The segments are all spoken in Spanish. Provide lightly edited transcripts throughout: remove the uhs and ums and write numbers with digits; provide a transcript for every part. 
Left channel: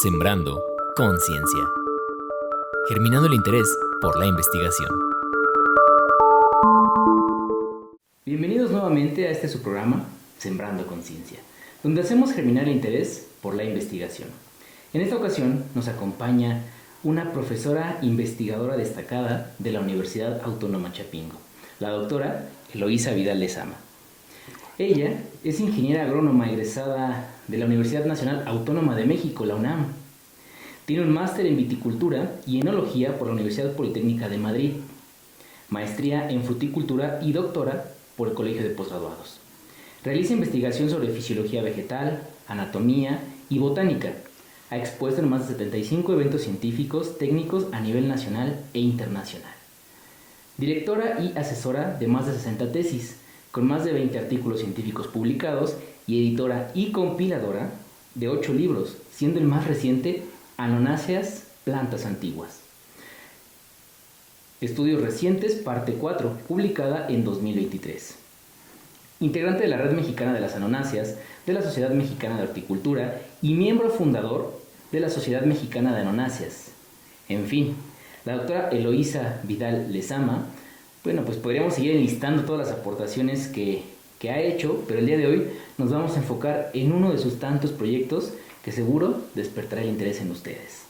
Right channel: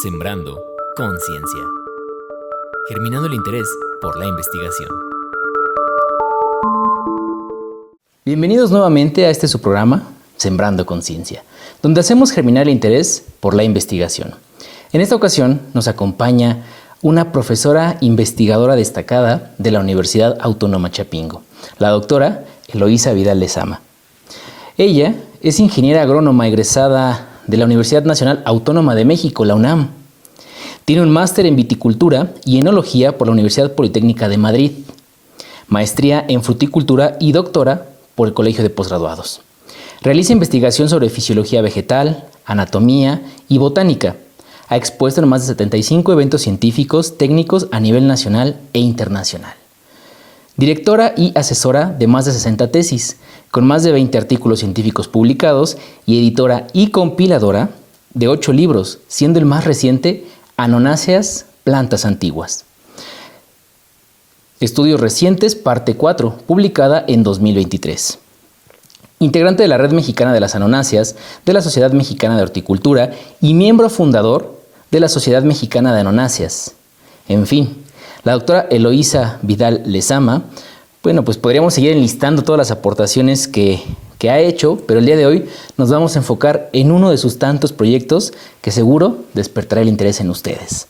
Sembrando conciencia. Germinando el interés por la investigación. Bienvenidos nuevamente a este su programa, Sembrando Conciencia, donde hacemos germinar el interés por la investigación. En esta ocasión nos acompaña una profesora investigadora destacada de la Universidad Autónoma Chapingo, la doctora Eloísa Vidal Lezama. Ella es ingeniera agrónoma egresada de la Universidad Nacional Autónoma de México, la UNAM. Tiene un máster en viticultura y enología por la Universidad Politécnica de Madrid, maestría en fruticultura y doctora por el Colegio de Posgraduados. Realiza investigación sobre fisiología vegetal, anatomía y botánica. Ha expuesto en más de 75 eventos científicos técnicos a nivel nacional e internacional. Directora y asesora de más de 60 tesis, con más de 20 artículos científicos publicados y editora y compiladora de 8 libros, siendo el más reciente Anonáceas, plantas antiguas. Estudios recientes, parte 4, publicada en 2023. Integrante de la Red Mexicana de las Anonáceas, de la Sociedad Mexicana de Horticultura y miembro fundador de la Sociedad Mexicana de Anonáceas. En fin, la doctora Eloísa Vidal Lezama, pues podríamos seguir enlistando todas las aportaciones que ha hecho, pero el día de hoy nos vamos a enfocar en uno de sus tantos proyectos que seguro despertará el interés en ustedes.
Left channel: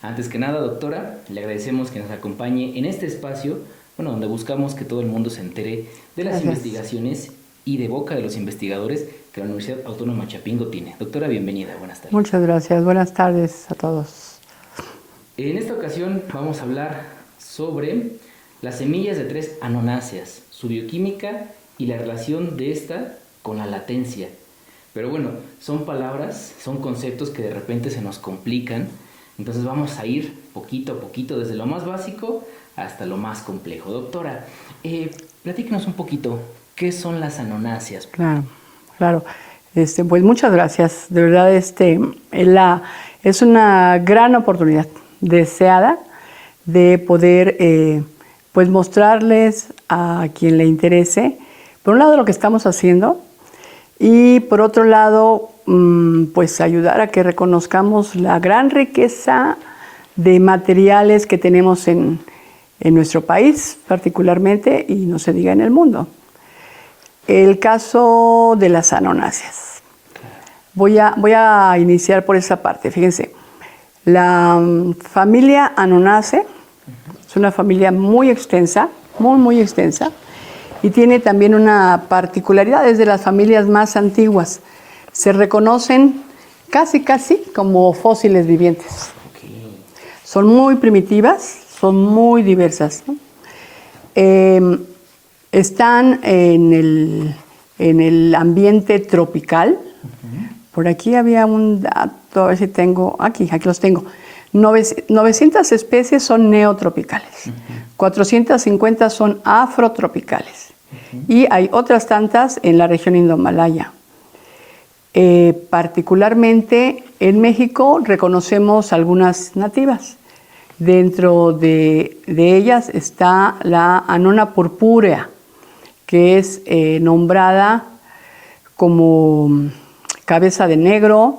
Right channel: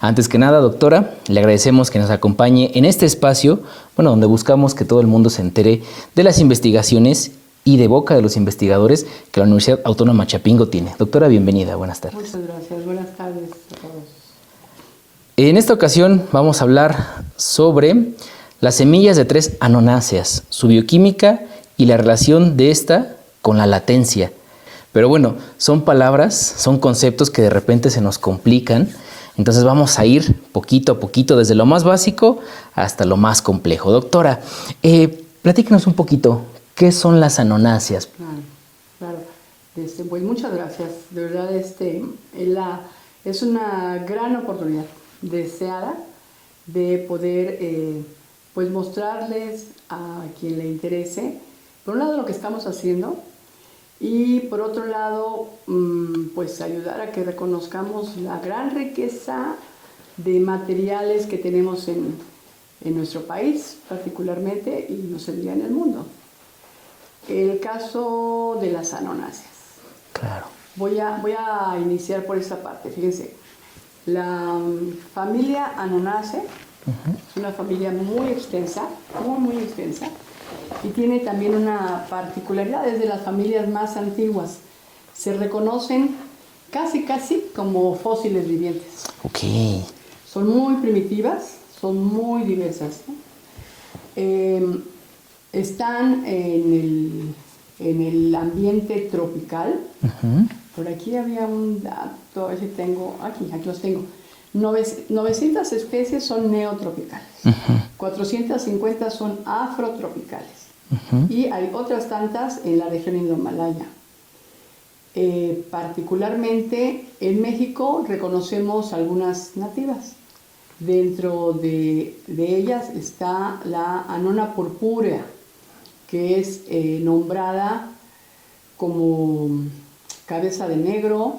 Antes que nada, doctora, le agradecemos que nos acompañe en este espacio, donde buscamos que todo el mundo se entere de las investigaciones y de boca de los investigadores que la Universidad Autónoma Chapingo tiene. Doctora, bienvenida, buenas tardes. Muchas gracias, buenas tardes a todos. En esta ocasión vamos a hablar sobre las semillas de 3 anonáceas, su bioquímica y la relación de esta con la latencia. Pero son palabras, son conceptos que de repente se nos complican, entonces vamos a ir poquito a poquito desde lo más básico hasta lo más complejo. Doctora, platíquenos un poquito, ¿qué son las anonáceas? Claro. Pues muchas gracias, de verdad es una gran oportunidad deseada de poder mostrarles a quien le interese, por un lado, lo que estamos haciendo y por otro lado, ayudar a que reconozcamos la gran riqueza de materiales que tenemos en nuestro país particularmente y no se diga en el mundo. El caso de las anonáceas. Claro. Voy a iniciar por esa parte. Fíjense, la familia Anonaceae es una familia muy extensa, muy extensa, y tiene también una particularidad, es de las familias más antiguas. Se reconocen casi como fósiles vivientes. Okay. Son muy primitivas, son muy diversas, ¿no? Están en el ambiente tropical. Por aquí había un dato, a ver si tengo, aquí los tengo. 900 especies son neotropicales, 450 son afrotropicales y hay otras tantas en la región indomalaya. Particularmente en México reconocemos algunas nativas. Dentro de ellas está la Annona purpúrea, que es nombrada como cabeza de negro.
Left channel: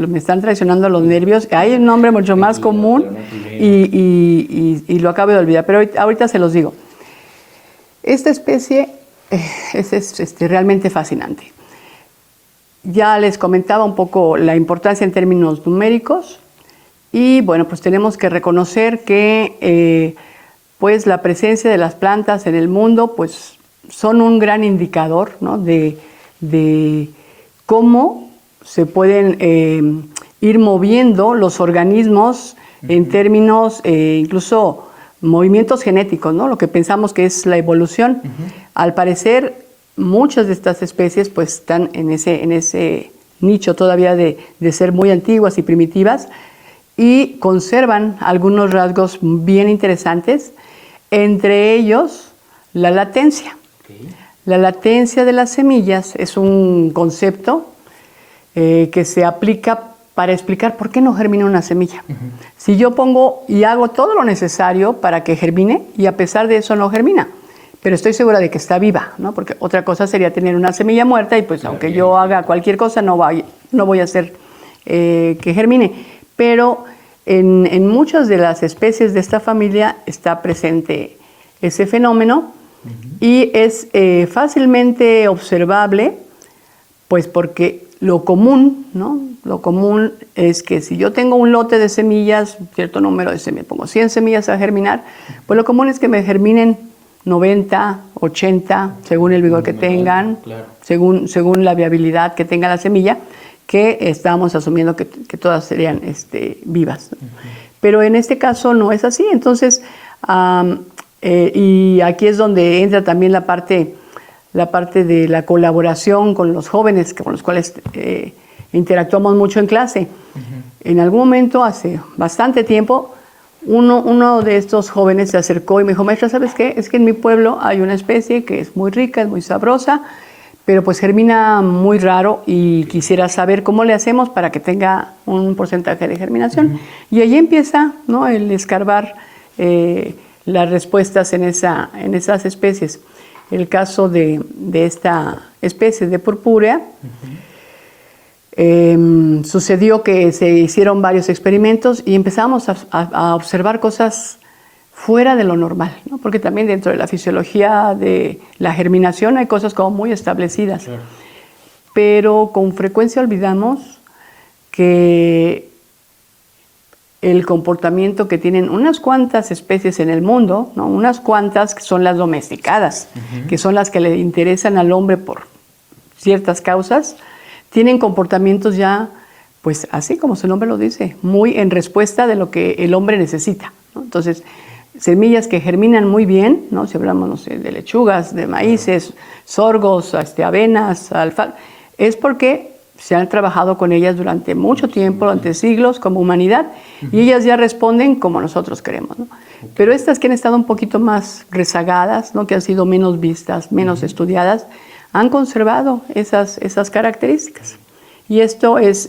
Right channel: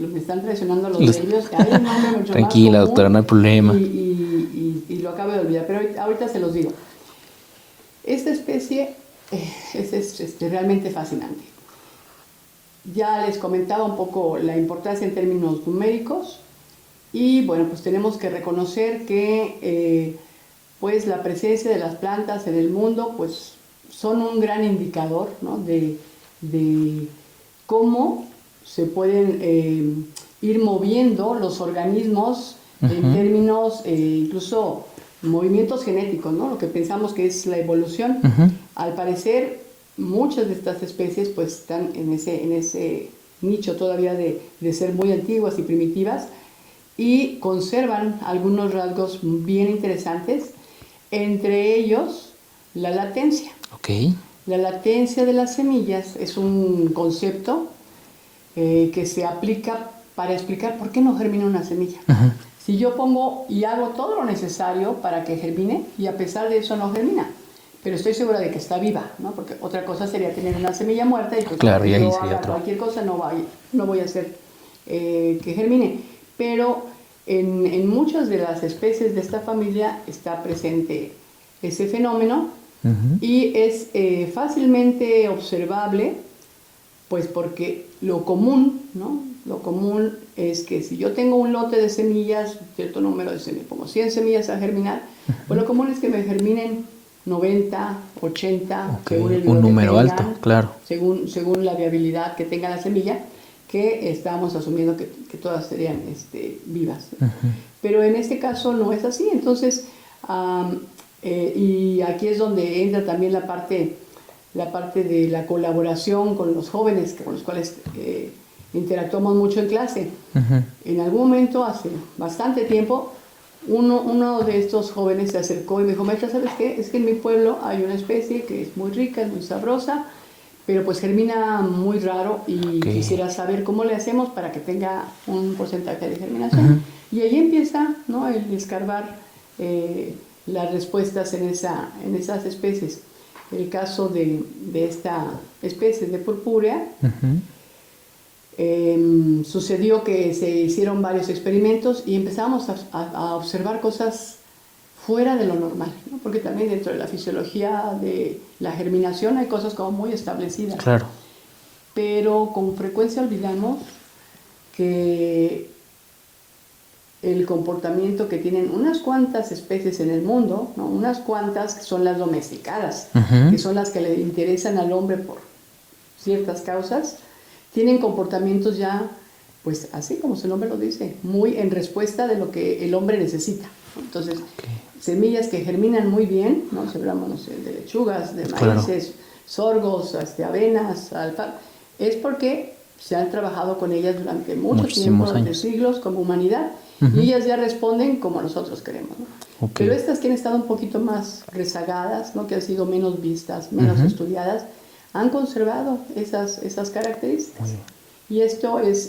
Me están traicionando los nervios. Hay un nombre mucho más común. Doctora, no hay problema. Y lo acabo de olvidar, pero ahorita se los digo. Esta especie es realmente fascinante. Ya les comentaba un poco la importancia en términos numéricos y tenemos que reconocer que la presencia de las plantas en el mundo son un gran indicador, ¿no? de cómo se pueden ir moviendo los organismos en términos incluso movimientos genéticos, ¿no? Lo que pensamos que es la evolución. Al parecer, muchas de estas especies están en ese nicho todavía de ser muy antiguas y primitivas y conservan algunos rasgos bien interesantes, entre ellos la latencia. Okay. La latencia de las semillas es un concepto que se aplica para explicar por qué no germina una semilla. Si yo pongo y hago todo lo necesario para que germine y a pesar de eso no germina, pero estoy segura de que está viva, ¿no? Porque otra cosa sería tener una semilla muerta y pues Claro, aunque y ahí yo sería haga otro. cualquier cosa no voy a hacer que germine. Pero en muchas de las especies de esta familia está presente ese fenómeno y es fácilmente observable, pues porque lo común, ¿no? Lo común es que si yo tengo un lote de semillas, cierto número de semillas, pongo 100 semillas a germinar, pues lo común es que me germinen 90, 80, Ok, según el un vigor que número tengan, alto, claro. según la viabilidad que tenga la semilla, que estábamos asumiendo que todas serían vivas. Pero en este caso no es así. Entonces, y aquí es donde entra también la parte de la colaboración con los jóvenes, con los cuales interactuamos mucho en clase. En algún momento, hace bastante tiempo, uno de estos jóvenes se acercó y me dijo, maestra, ¿sabes qué? Es que en mi pueblo hay una especie que es muy rica, es muy sabrosa, pero pues germina muy raro y Ok. quisiera saber cómo le hacemos para que tenga un porcentaje de germinación. Y ahí empieza, ¿no?, el escarbar las respuestas en esas especies. El caso de esta especie de purpúrea, sucedió que se hicieron varios experimentos y empezamos a observar cosas fuera de lo normal, ¿no? Porque también dentro de la fisiología de la germinación hay cosas como muy establecidas. Claro. Pero con frecuencia olvidamos que el comportamiento que tienen unas cuantas especies en el mundo, ¿no? Unas cuantas que son las domesticadas, que son las que le interesan al hombre por ciertas causas, tienen comportamientos ya, pues así como su nombre lo dice, muy en respuesta de lo que el hombre necesita, ¿no? Entonces, semillas que germinan muy bien, ¿no? Si hablamos, no sé, de lechugas, de maíces, sorgos, avenas, alfalfa, es porque se han trabajado con ellas durante mucho Muchísimos tiempo, durante años. siglos, como humanidad, y ellas ya responden como nosotros queremos, ¿no? Pero estas que han estado un poquito más rezagadas, ¿no?, que han sido menos vistas, menos estudiadas, han conservado esas características. Y esto es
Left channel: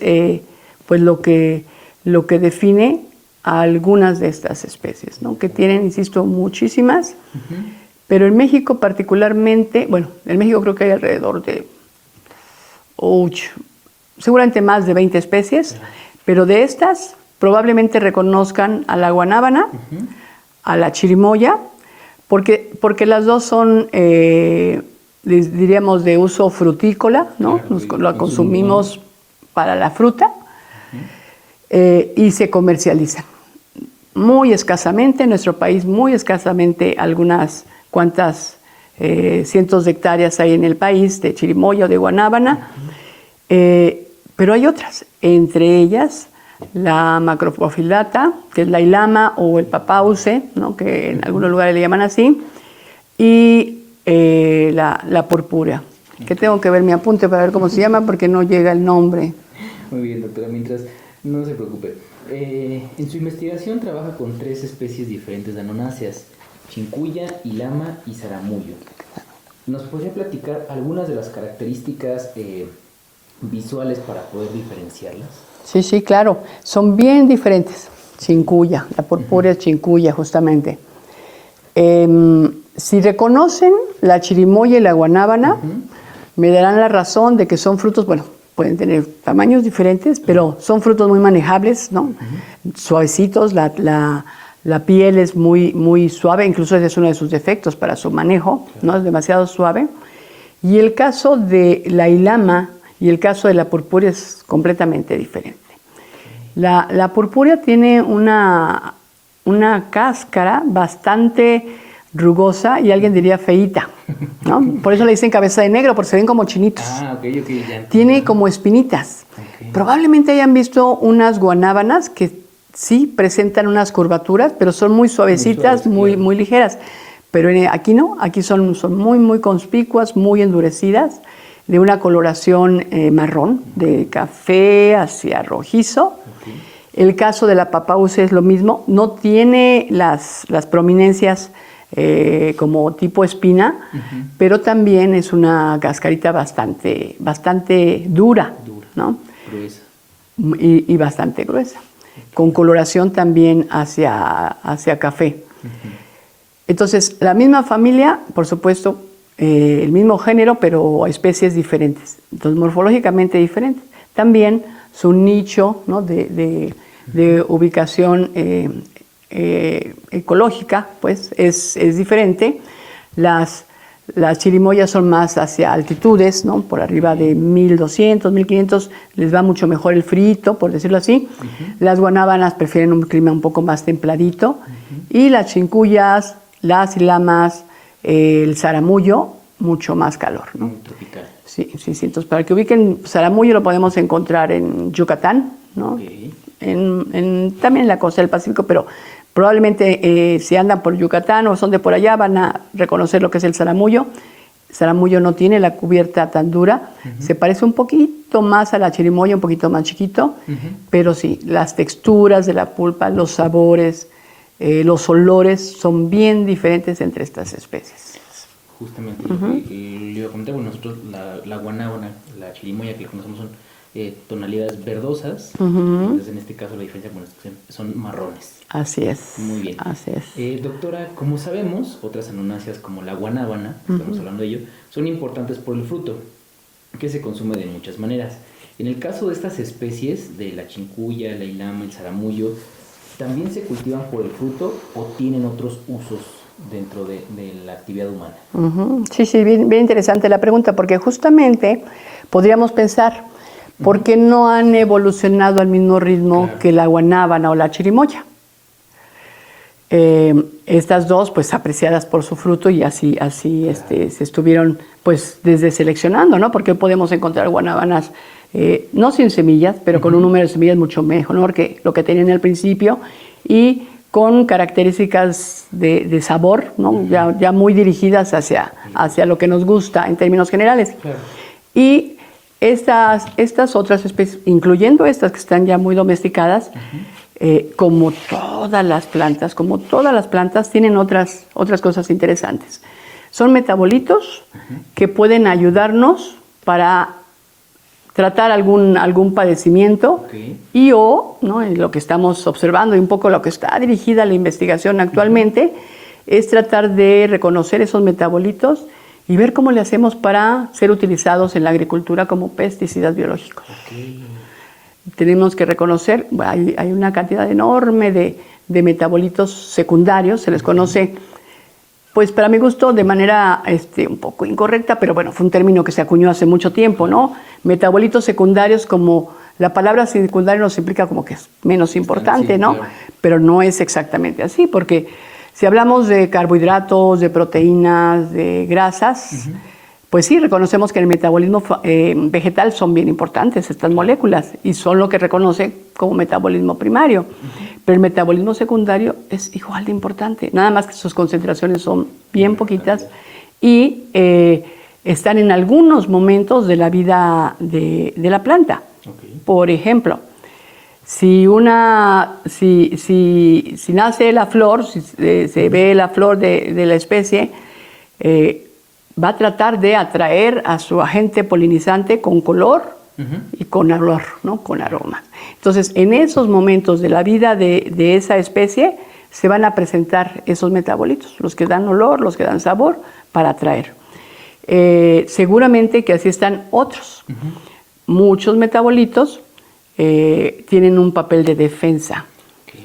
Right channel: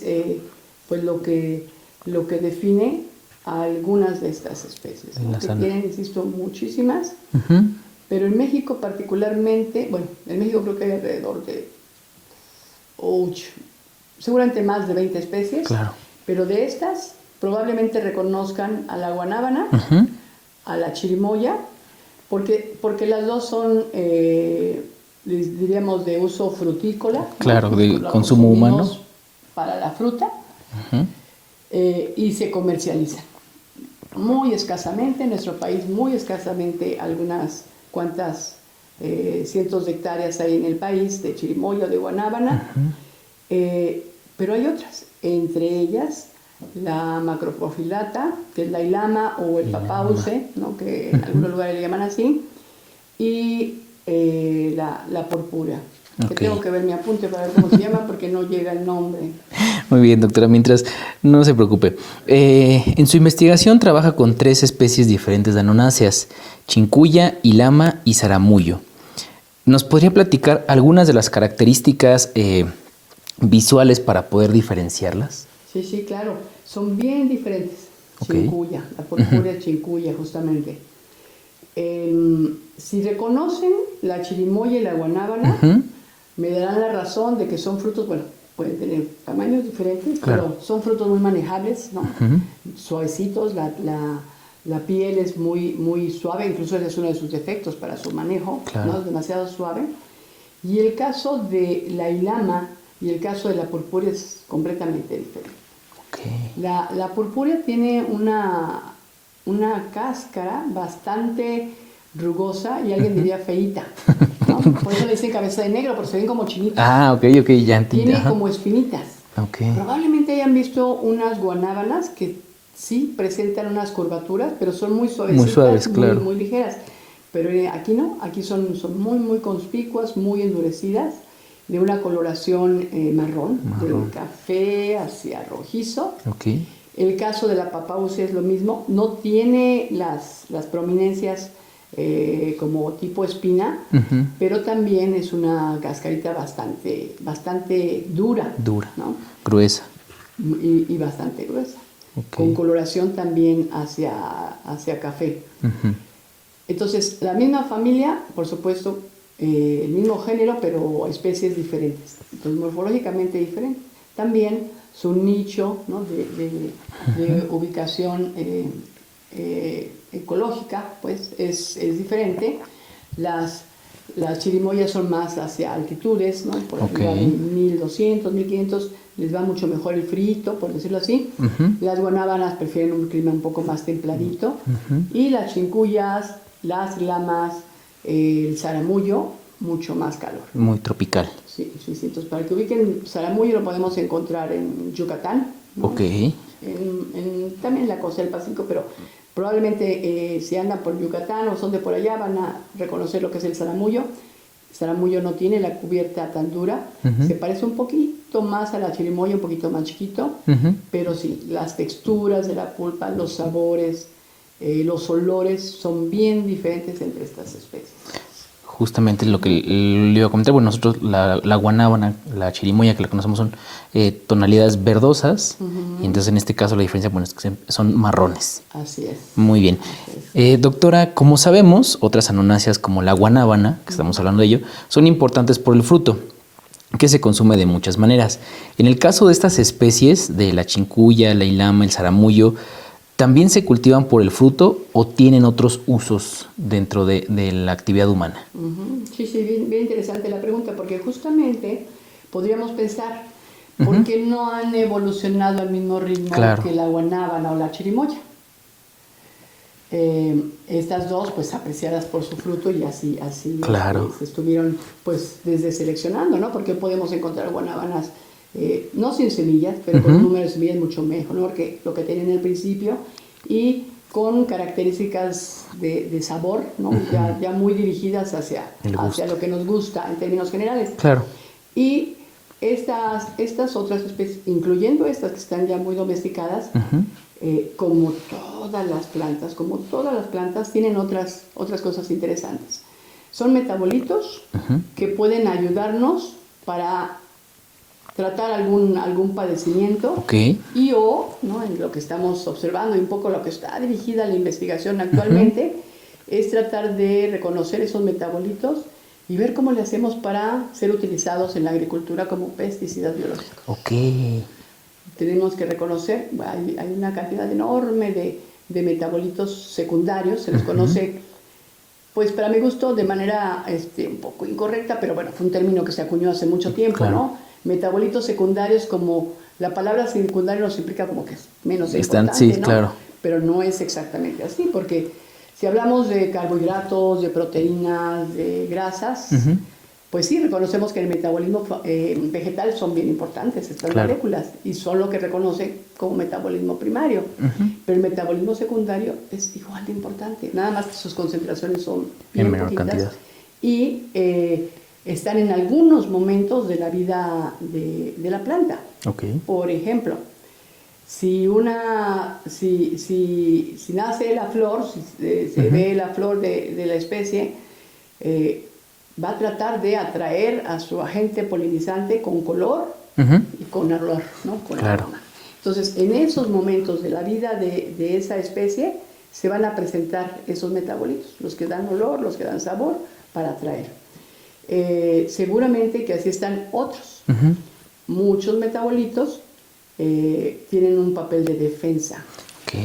pues lo que define a algunas de estas especies, ¿no?, que tienen, insisto, muchísimas, pero en México particularmente, bueno, en México creo que hay alrededor de seguramente más de 20 especies, Claro. pero de estas probablemente reconozcan a la guanábana, a la chirimoya, porque las dos son, diríamos, de uso frutícola, ¿no? Claro, de La consumo consumimos humano. para la fruta, y se comercializan. Muy escasamente, en nuestro país, muy escasamente, algunas cuantas cientos de hectáreas hay en el país de chirimoya o de guanábana, pero hay otras, entre ellas la macrophyllata, que es la ilama o el papause, ¿no?, que en algunos lugares le llaman así, y la purpúrea, que tengo que ver mi apunte para ver cómo se llama porque no llega el nombre. Muy bien, doctora. Mientras, no se preocupe. En su investigación trabaja con 3 especies diferentes de anonáceas: chincuya, ilama y zaramullo. ¿Nos podría platicar algunas de las características visuales para poder diferenciarlas? Sí, sí, claro. Son bien diferentes. Chincuya, la purpúrea es chincuya, justamente. Si reconocen la chirimoya y la guanábana, me darán la razón de que son frutos, bueno, pueden tener tamaños diferentes, pero son frutos muy manejables, ¿no? Suavecitos, la piel es muy, muy suave, incluso ese es uno de sus defectos para su manejo, ¿no? Es demasiado suave. Y el caso de la ilama y el caso de la purpúrea es completamente diferente. La purpúrea tiene una cáscara bastante rugosa y alguien diría feíta, ¿no? Por eso le dicen cabeza de negro, porque se ven como chinitos. Ah, ok, ya entiendo. Tiene como espinitas. Probablemente hayan visto unas guanábanas que sí presentan unas curvaturas, pero son muy suavecitas, muy ligeras. Pero aquí no, aquí son muy, muy conspicuas, muy endurecidas, de una coloración marrón, de café hacia rojizo. El caso de la papause es lo mismo, no tiene las prominencias como tipo espina, pero también es una cascarita bastante dura, ¿no? Gruesa. Y bastante gruesa, con coloración también hacia café. Entonces, la misma familia, por supuesto, el mismo género, pero especies diferentes. Entonces, morfológicamente diferentes. También su nicho, ¿no?, de ubicación ecológica, pues, es diferente. Las chirimoyas son más hacia altitudes, ¿no? Por arriba de 1200, 1500, les va mucho mejor el frito, por decirlo así. Las guanábanas prefieren un clima un poco más templadito. Y las chincuyas, las ilamas, el zaramullo, mucho más calor. Muy tropical. Sí. Entonces, para que ubiquen, zaramullo lo podemos encontrar en Yucatán, ¿no? También en la costa del Pacífico, pero probablemente si andan por Yucatán o son de por allá van a reconocer lo que es el zaramullo. El zaramullo no tiene la cubierta tan dura, se parece un poquito más a la chirimoya, un poquito más chiquito, pero sí, las texturas de la pulpa, los sabores, los olores son bien diferentes entre estas especies. Justamente lo que le iba a comentar, bueno, nosotros la guanábana, la chirimoya que la conocemos son tonalidades verdosas, y entonces en este caso la diferencia, bueno, es que son marrones. Así es. Muy bien. Así es. Doctora, como sabemos, otras anonáceas como la guanábana, que estamos hablando de ello, son importantes por el fruto, que se consume de muchas maneras. En el caso de estas especies, de la chincuya, la ilama, el zaramullo, ¿también se cultivan por el fruto o tienen otros usos dentro de la actividad humana? Sí, bien interesante la pregunta, porque justamente podríamos pensar, ¿por qué no han evolucionado al mismo ritmo que la guanábana o la chirimoya? Estas dos, pues apreciadas por su fruto y así se estuvieron pues desde seleccionando, ¿no? Porque podemos encontrar guanábanas no sin semillas, pero con un número de semillas mucho mejor que lo que tenían al principio y con características de sabor, ¿no? Ya muy dirigidas hacia lo que nos gusta en términos generales. Claro. Y estas otras especies, incluyendo estas que están ya muy domesticadas, como todas las plantas, tienen otras cosas interesantes. Son metabolitos que pueden ayudarnos para tratar algún padecimiento ¿no? En lo que estamos observando y un poco lo que está dirigida la investigación actualmente es tratar de reconocer esos metabolitos y ver cómo le hacemos para ser utilizados en la agricultura como pesticidas biológicos. Tenemos que reconocer, hay una cantidad enorme de metabolitos secundarios, se les conoce, pues para mi gusto, de manera un poco incorrecta, pero bueno, fue un término que se acuñó hace mucho tiempo, ¿no? Metabolitos secundarios, como la palabra secundario nos implica como que es menos importante, ¿no? Claro. Pero no es exactamente así, porque si hablamos de carbohidratos, de proteínas, de grasas, pues sí, reconocemos que en el metabolismo vegetal son bien importantes estas moléculas y son lo que reconoce como metabolismo primario. Pero el metabolismo secundario es igual de importante, nada más que sus concentraciones son bien poquitas y están en algunos momentos de la vida de la planta. Por ejemplo, si nace la flor, si se ve la flor de la especie, va a tratar de atraer a su agente polinizante con color y con olor, ¿no? Con aroma. Entonces, en esos momentos de la vida de esa especie se van a presentar esos metabolitos, los que dan olor, los que dan sabor, para atraer. Seguramente que así están otros. Muchos metabolitos tienen un papel de defensa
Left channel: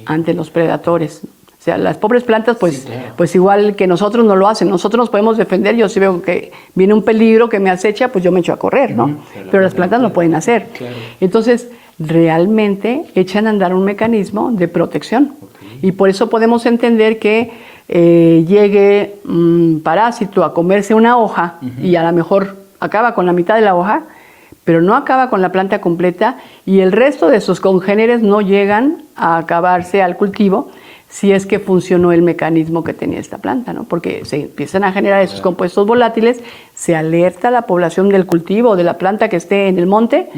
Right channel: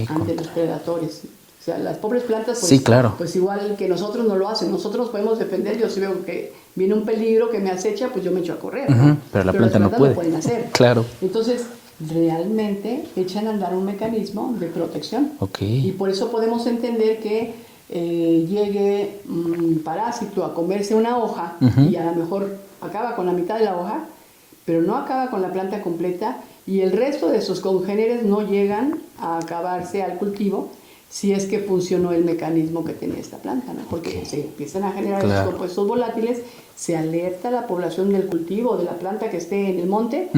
ante los predadores. O sea, las pobres plantas, pues, pues igual que nosotros no lo hacen. Nosotros nos podemos defender. Yo si veo que viene un peligro que me acecha, pues yo me echo a correr, ¿no? Pero las plantas no pueden hacer. Entonces, realmente echan a andar un mecanismo de protección. Y por eso podemos entender que llegue un parásito a comerse una hoja y a lo mejor acaba con la mitad de la hoja, pero no acaba con la planta completa y el resto de sus congéneres no llegan a acabarse al cultivo si es que funcionó el mecanismo que tenía esta planta, ¿no? Porque se empiezan a generar esos compuestos volátiles, se alerta a la población del cultivo, de la planta que esté en el monte,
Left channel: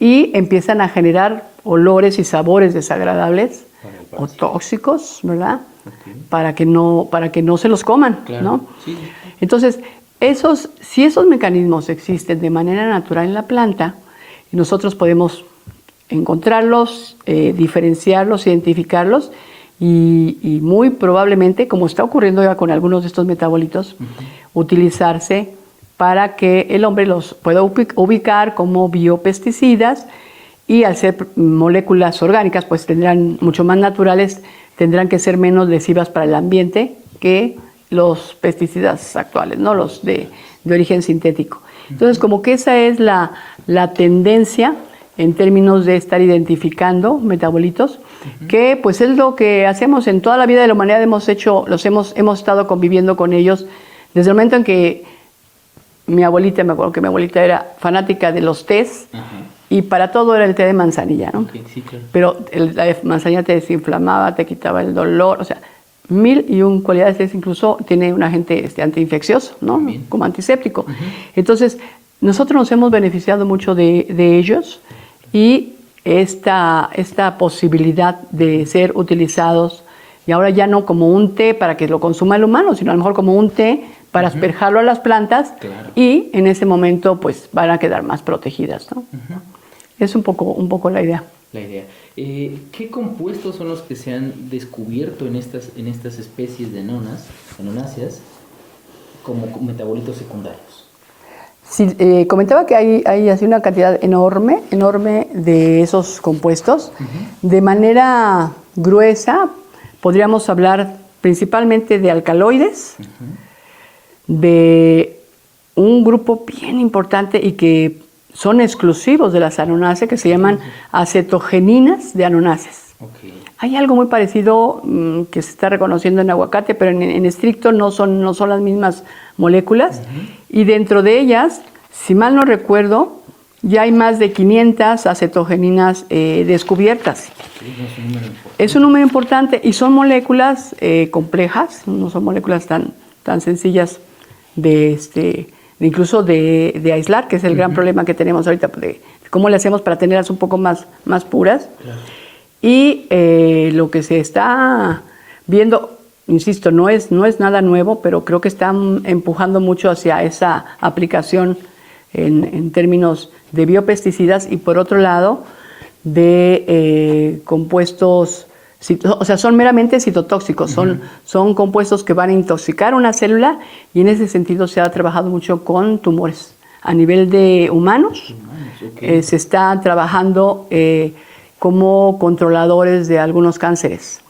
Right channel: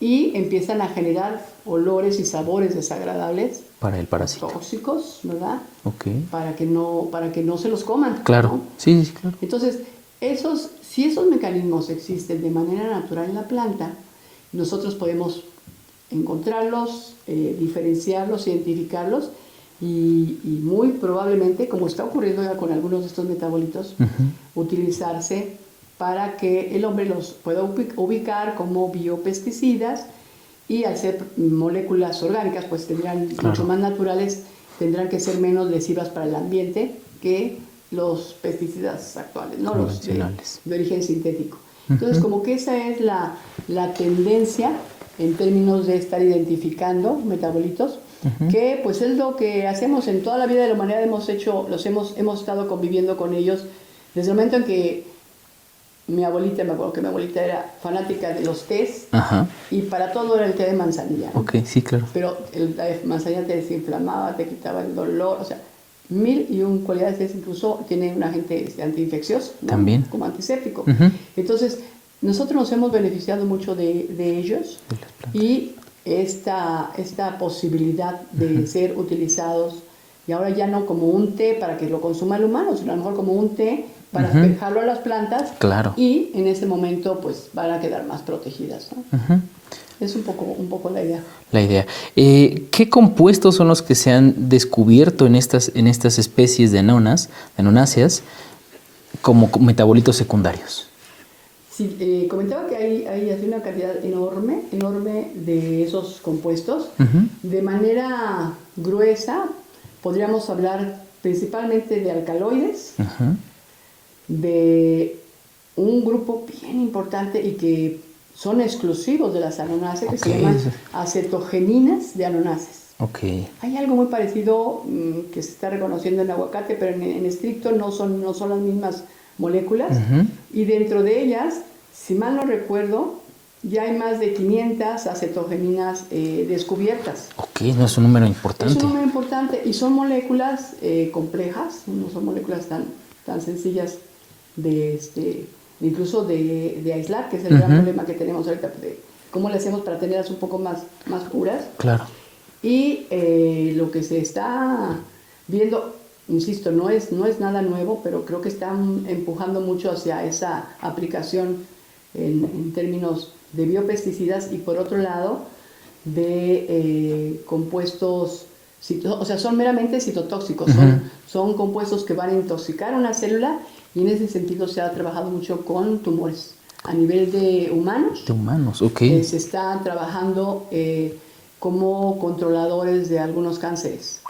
y empiezan a generar olores y sabores desagradables o tóxicos, ¿verdad? Para que no se los coman, ¿no? Entonces, si esos mecanismos existen de manera natural en la planta, nosotros podemos encontrarlos, diferenciarlos, identificarlos, y muy probablemente, como está ocurriendo ya con algunos de estos metabolitos, utilizarse para que el hombre los pueda ubicar como biopesticidas, y al ser moléculas orgánicas, pues tendrán mucho más naturales, tendrán que ser menos lesivas para el ambiente que los pesticidas actuales, ¿no? Los de origen sintético. Entonces, como que esa es la tendencia en términos de estar identificando metabolitos, que pues es lo que hacemos en toda la vida de la humanidad. Hemos estado conviviendo con ellos desde el momento en que mi abuelita, me acuerdo que mi abuelita era fanática de los tés, y para todo era el té de manzanilla, ¿no? Ok, sí, claro. Pero la manzanilla te desinflamaba, te quitaba el dolor, o sea, 1001 cualidades. Incluso tiene un agente antiinfeccioso, ¿no? También. Como antiséptico. Entonces, nosotros nos hemos beneficiado mucho de ellos, y esta posibilidad de ser utilizados, y ahora ya no como un té para que lo consuma el humano, sino a lo mejor como un té para asperjarlo a las plantas, y en ese momento pues van a quedar más protegidas, ¿no? Es un poco la idea. La idea. ¿Qué compuestos son los que se han descubierto en estas especies de anonáceas como metabolitos secundarios? Sí, comentaba que hay así una cantidad enorme de esos compuestos. De manera gruesa podríamos hablar principalmente de alcaloides, de un grupo bien importante y que son exclusivos de las anonáceas, que se llaman acetogeninas de anonáceas. Hay algo muy parecido que se está reconociendo en aguacate, pero en estricto no son las mismas moléculas. Y dentro de ellas, si mal no recuerdo, ya hay más de 500 acetogeninas descubiertas. No es un número importante. Es un número importante, y son moléculas complejas, no son moléculas tan sencillas incluso de aislar, que es el gran problema que tenemos ahorita, de cómo le hacemos para tenerlas un poco más puras. Claro. Y lo que se está viendo, insisto, no es nada nuevo, pero creo que están empujando mucho hacia esa aplicación en términos de biopesticidas, y por otro lado de compuestos, o sea, son meramente citotóxicos, son compuestos que van a intoxicar una célula, y en ese sentido se ha trabajado mucho con tumores. A nivel de humanos, se está trabajando como controladores de algunos cánceres.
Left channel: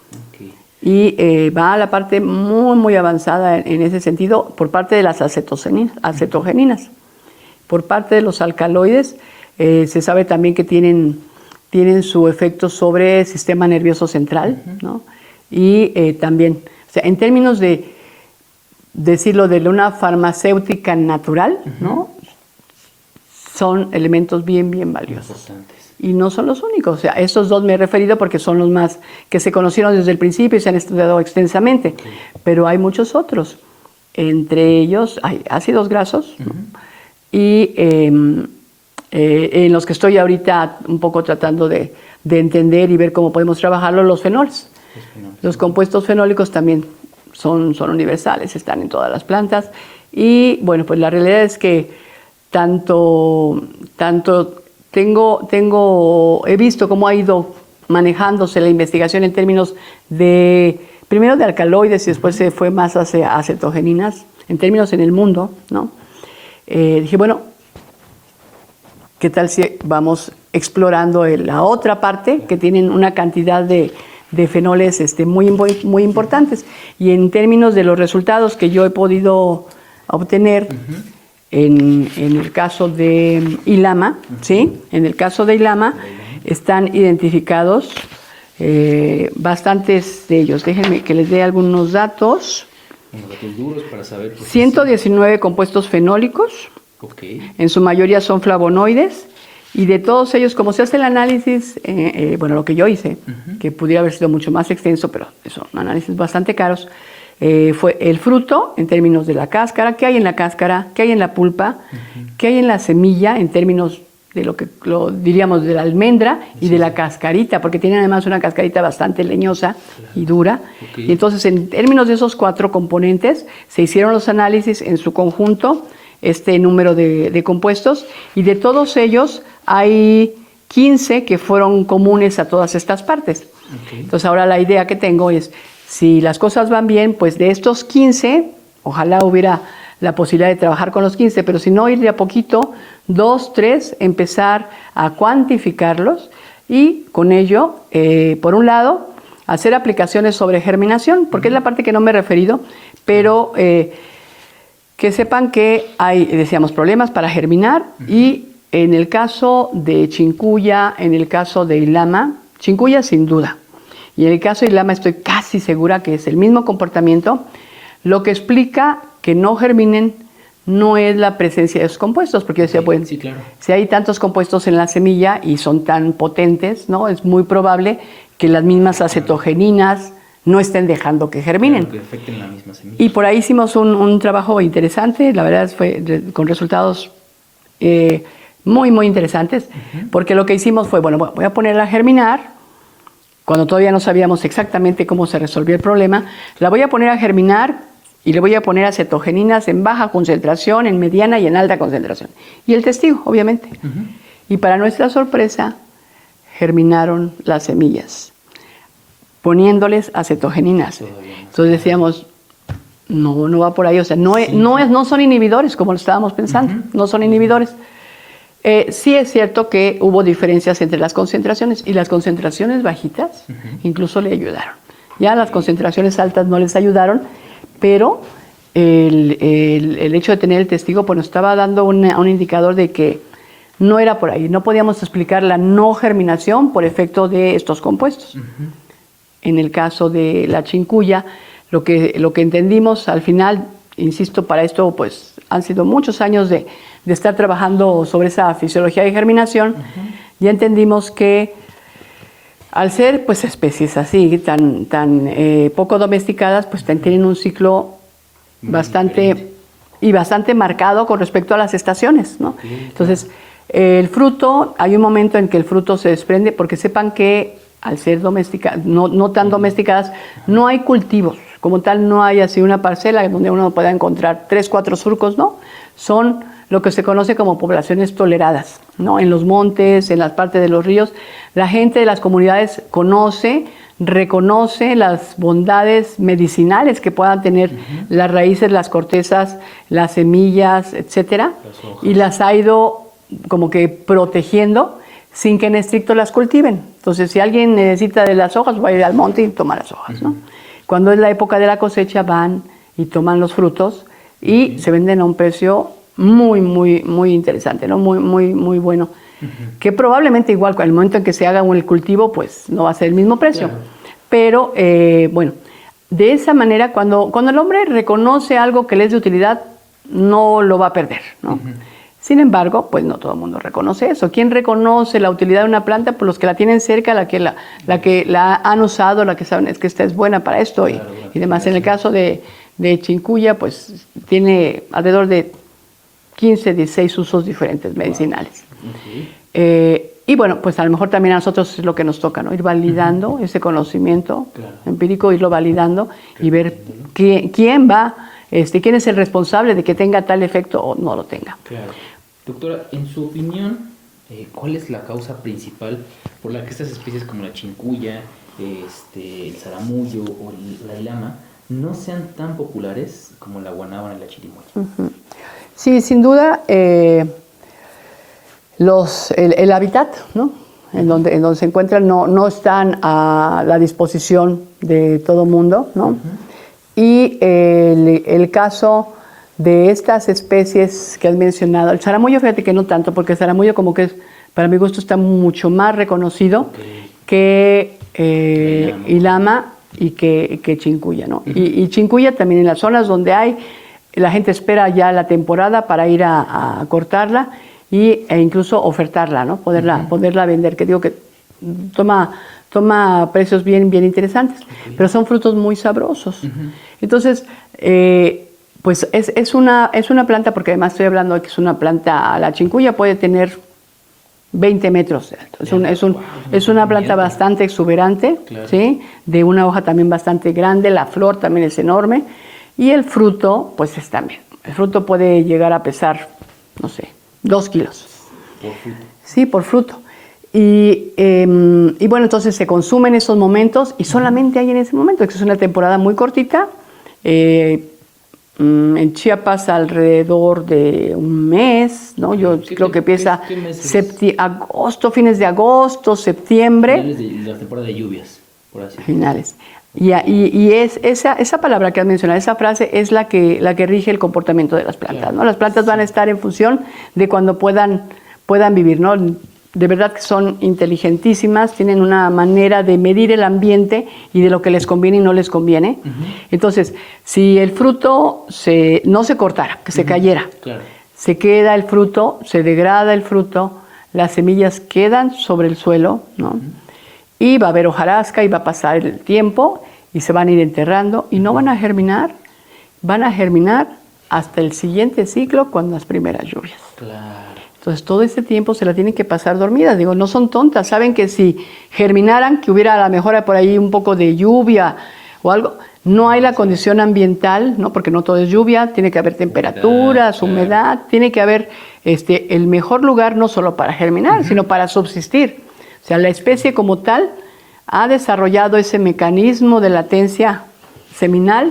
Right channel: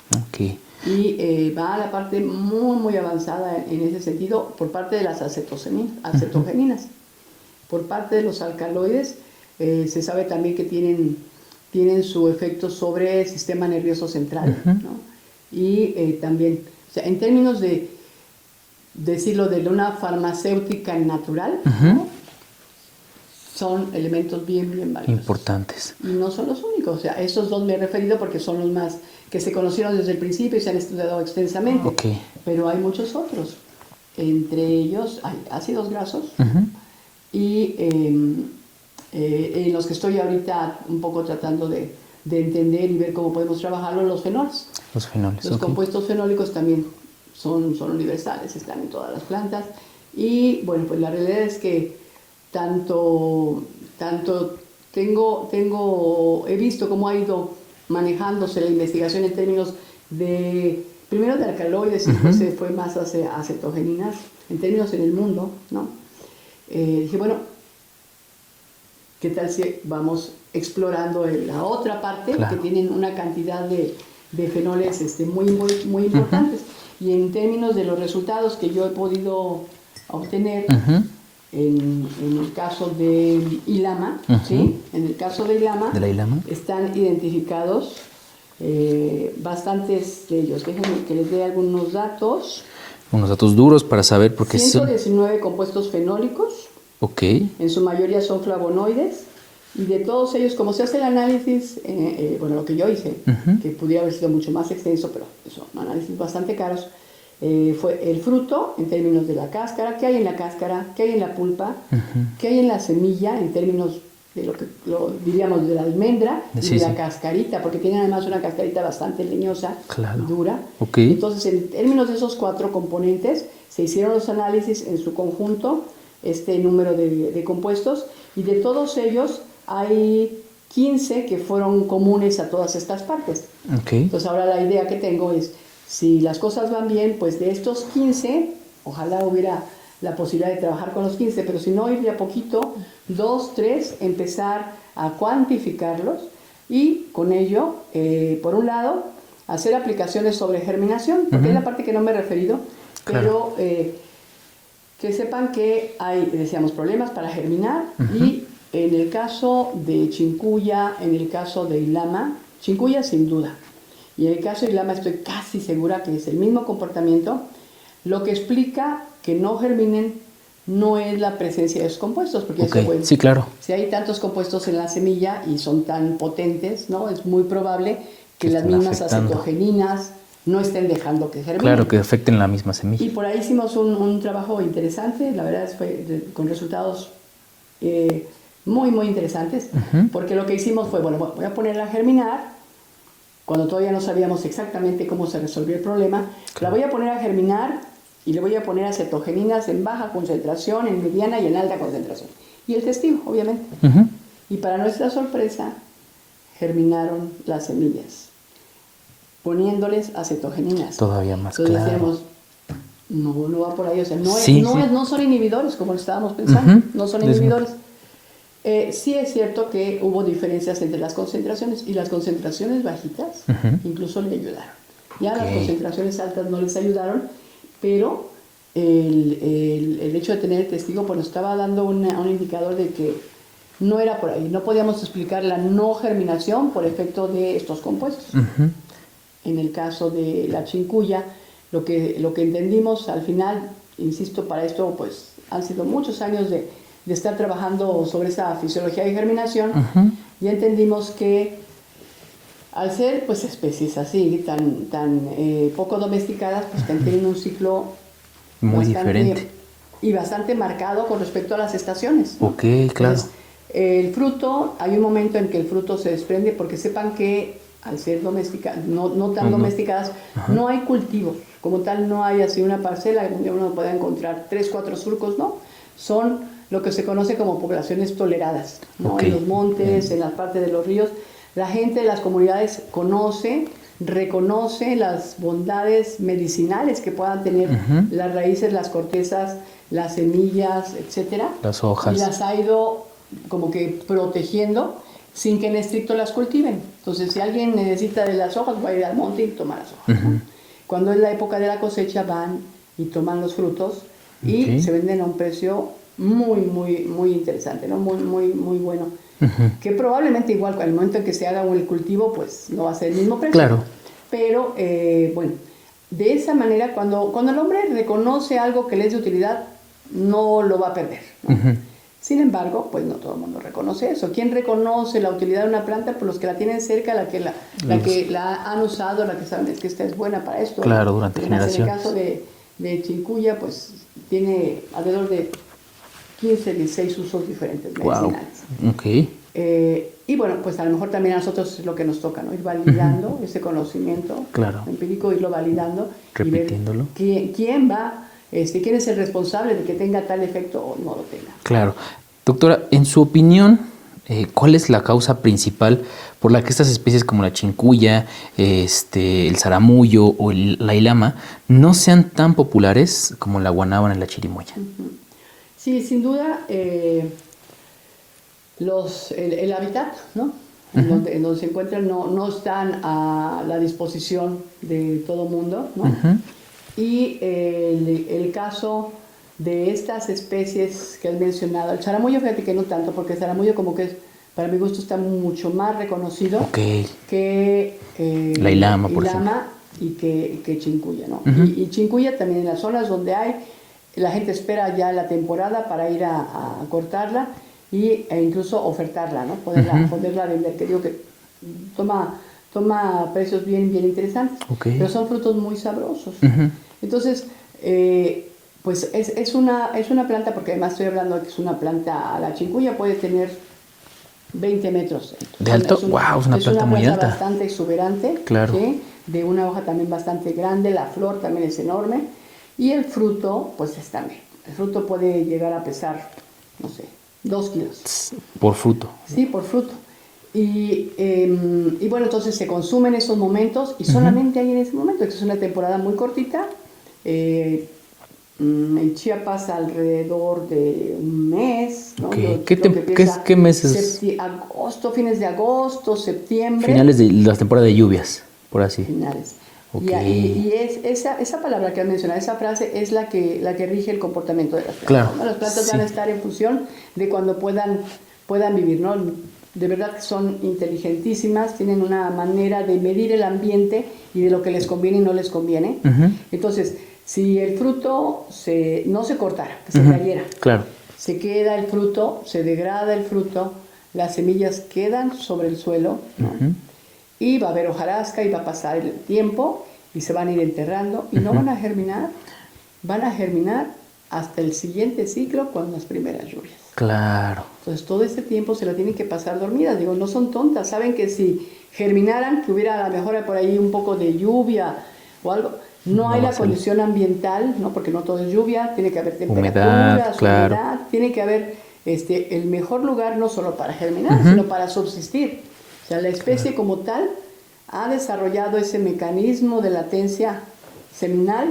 Y va a la parte muy avanzada en ese sentido por parte de las acetogeninas. Por parte de los alcaloides, se sabe también que tienen su efecto sobre el sistema nervioso central, ¿no? Y también, o sea, en términos de decirlo de una farmacéutica natural, ¿no? Son elementos bien valiosos. Importantes. Y no son los únicos. O sea, estos dos me he referido porque son los más que se conocieron desde el principio y se han estudiado extensamente. Pero hay muchos otros. Entre ellos hay ácidos grasos, ¿no? Y en los que estoy ahorita un poco tratando de entender y ver cómo podemos trabajarlo, los fenoles. Los compuestos fenólicos también son universales, están en todas las plantas. Y bueno, pues la realidad es que tanto he visto cómo ha ido manejándose la investigación en términos primero de alcaloides, y después se fue más hacia acetogeninas, en términos en el mundo, ¿no? Dije, bueno, ¿qué tal si vamos explorando la otra parte, que tienen una cantidad de fenoles muy importantes? Y en términos de los resultados que yo he podido obtener, en el caso de Ilama, ¿sí? En el caso de Ilama, están identificados bastantes de ellos. Déjenme que les dé algunos datos. Unos datos duros para saber por qué. 119 compuestos fenólicos. En su mayoría son flavonoides. Y de todos ellos, como se hace el análisis, bueno, lo que yo hice, que pudiera haber sido mucho más extenso, pero son análisis bastante caros, fue el fruto en términos de la cáscara, qué hay en la cáscara, qué hay en la pulpa, qué hay en la semilla en términos de lo que diríamos de la almendra y de la cascarita, porque tiene además una cascarita bastante leñosa y dura. Entonces, en términos de esos 4 componentes, se hicieron los análisis en su conjunto, este número de compuestos, y de todos ellos hay 15 que fueron comunes a todas estas partes. Okay. Entonces ahora la idea que tengo es, si las cosas van bien, pues de estos 15, ojalá hubiera la posibilidad de trabajar con los 15, pero si no, ir de a poquito, 2, 3, empezar a cuantificarlos y con ello, por un lado, hacer aplicaciones sobre germinación, porque es la parte que no me he referido, pero que sepan que hay, decíamos, problemas para germinar y en el caso de chikungunya, en el caso de ilama, chikungunya sin duda, y en el caso de ilama estoy casi segura que es el mismo comportamiento. Lo que explica que no germinen no es la presencia de esos compuestos, porque yo decía, bueno, sí, claro. Si hay tantos compuestos en la semilla y son tan potentes, ¿no? Es muy probable que las mismas acetogeninas no estén dejando que germinen. Claro, que afecten la misma semilla. Y por ahí hicimos un trabajo interesante, la verdad fue con resultados muy, muy interesantes, porque lo que hicimos fue, bueno, voy a ponerla a germinar, cuando todavía no sabíamos exactamente cómo se resolvía el problema, la voy a poner a germinar y le voy a poner acetogeninas en baja concentración, en mediana y en alta concentración. Y el testigo, obviamente. Y para nuestra sorpresa, germinaron las semillas, poniéndoles acetogeninas. Todavía más. Entonces decíamos, no va por ahí, o sea, no son inhibidores como lo estábamos pensando, no son inhibidores. Sí es cierto que hubo diferencias entre las concentraciones y las concentraciones bajitas incluso le ayudaron. Ya las concentraciones altas no les ayudaron, pero el hecho de tener el testigo pues nos estaba dando un indicador de que no era por ahí. No podíamos explicar la no germinación por efecto de estos compuestos. En el caso de la chikungunya, lo que entendimos al final, insisto, para esto pues han sido muchos años de estar trabajando sobre esa fisiología de germinación, ya entendimos que al ser pues especies así, tan poco domesticadas, pues tienen un ciclo bastante marcado con respecto a las estaciones, ¿no? Entonces, el fruto, hay un momento en que el fruto se desprende, porque sepan que al ser domesticadas, no tan domesticadas, no hay cultivos. Como tal, no hay así una parcela donde uno pueda encontrar 3, 4 surcos, ¿no? Son lo que se conoce como poblaciones toleradas, ¿no? En los montes, en las partes de los ríos. La gente de las comunidades reconoce las bondades medicinales que puedan tener las raíces, las cortezas, las semillas, etcétera. Las hojas. Y las ha ido como que protegiendo sin que en estricto las cultiven. Entonces, si alguien necesita de las hojas, va a ir al monte y toma las hojas, ¿no? Cuando es la época de la cosecha, van y toman los frutos y se venden a un precio muy, muy, muy interesante, ¿no? Muy, muy, muy bueno. Que probablemente igual, al momento en que se haga el cultivo, pues no va a ser el mismo precio. Claro. Pero, bueno, de esa manera, cuando el hombre reconoce algo que le es de utilidad, no lo va a perder, ¿no? Sin embargo, pues no todo el mundo reconoce eso. ¿Quién reconoce la utilidad de una planta? Pues los que la tienen cerca, la que la han usado, la que saben es que esta es buena para esto. Claro, y demás. En el caso de chikungunya, pues tiene alrededor de 15, 16 usos diferentes medicinales. Wow. Y bueno, pues a lo mejor también a nosotros es lo que nos toca, ¿no? Ir validando ese conocimiento empírico, irlo validando y ver quién va... ¿quién es el responsable de que tenga tal efecto o no lo tenga? Claro. Doctora, en su opinión, ¿cuál es la causa principal por la que estas especies como la chikungunya, el zaramullo o la ilama no sean tan populares como la guanábana y la chirimoya? Sí, sin duda, el hábitat, ¿no? En donde se encuentran no están a la disposición de todo mundo, ¿no? Y el caso de estas especies que has mencionado, el zaramullo, fíjate que no tanto, porque el zaramullo como que para mi gusto está mucho más reconocido que la ilama y que chikungunya, ¿no? Y chikungunya también en las zonas donde hay, la gente espera ya la temporada para ir a cortarla e incluso ofertarla, ¿no? Poderla vender, que digo que toma precios bien interesantes, pero son frutos muy sabrosos. Entonces, pues es una planta, porque además estoy hablando de que es una planta, la chikungunya puede tener 20 metros. Es una planta bastante exuberante, ¿sí? De una hoja también bastante grande, la flor también es enorme, y el fruto, pues es también. El fruto puede llegar a pesar, no sé, 2 kilos. ¿Por fruto? Sí, por fruto. Y bueno, entonces se consumen esos momentos y solamente hay en ese momento, que es una temporada muy cortita. En Chiapas alrededor de un mes, ¿no? Ok. Yo creo que empieza ¿Qué meses? agosto, fines de agosto, septiembre. Finales de la temporada de lluvias, por así. Finales. Ok. Y esa palabra que has mencionado, esa frase es la que rige el comportamiento de las plantas, Claro. ¿no? Las plantas van a estar en función de cuando puedan vivir, ¿no? De verdad que son inteligentísimas, tienen una manera de medir el ambiente y de lo que les conviene y no les conviene. Entonces, si el fruto no se cortara, que se cayera, Claro. se queda el fruto, se degrada el fruto, las semillas quedan sobre el suelo, ¿no? Y va a haber hojarasca y va a pasar el tiempo y se van a ir enterrando y no van a germinar, van a germinar hasta el siguiente ciclo con las primeras lluvias. Claro. Entonces, todo este tiempo se la tienen que pasar dormidas. Digo, no son tontas. Saben que si germinaran, que hubiera a lo mejor por ahí un poco de lluvia o algo, no hay la condición ambiental, ¿no? Porque no todo es lluvia, tiene que haber temperaturas, humedad, tiene que haber el mejor lugar no solo para germinar, sino para subsistir. O sea, la especie como tal ha desarrollado ese mecanismo de latencia seminal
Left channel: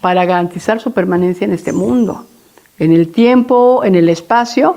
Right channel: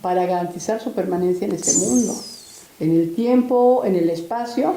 para garantizar su permanencia en este mundo, en el tiempo, en el espacio,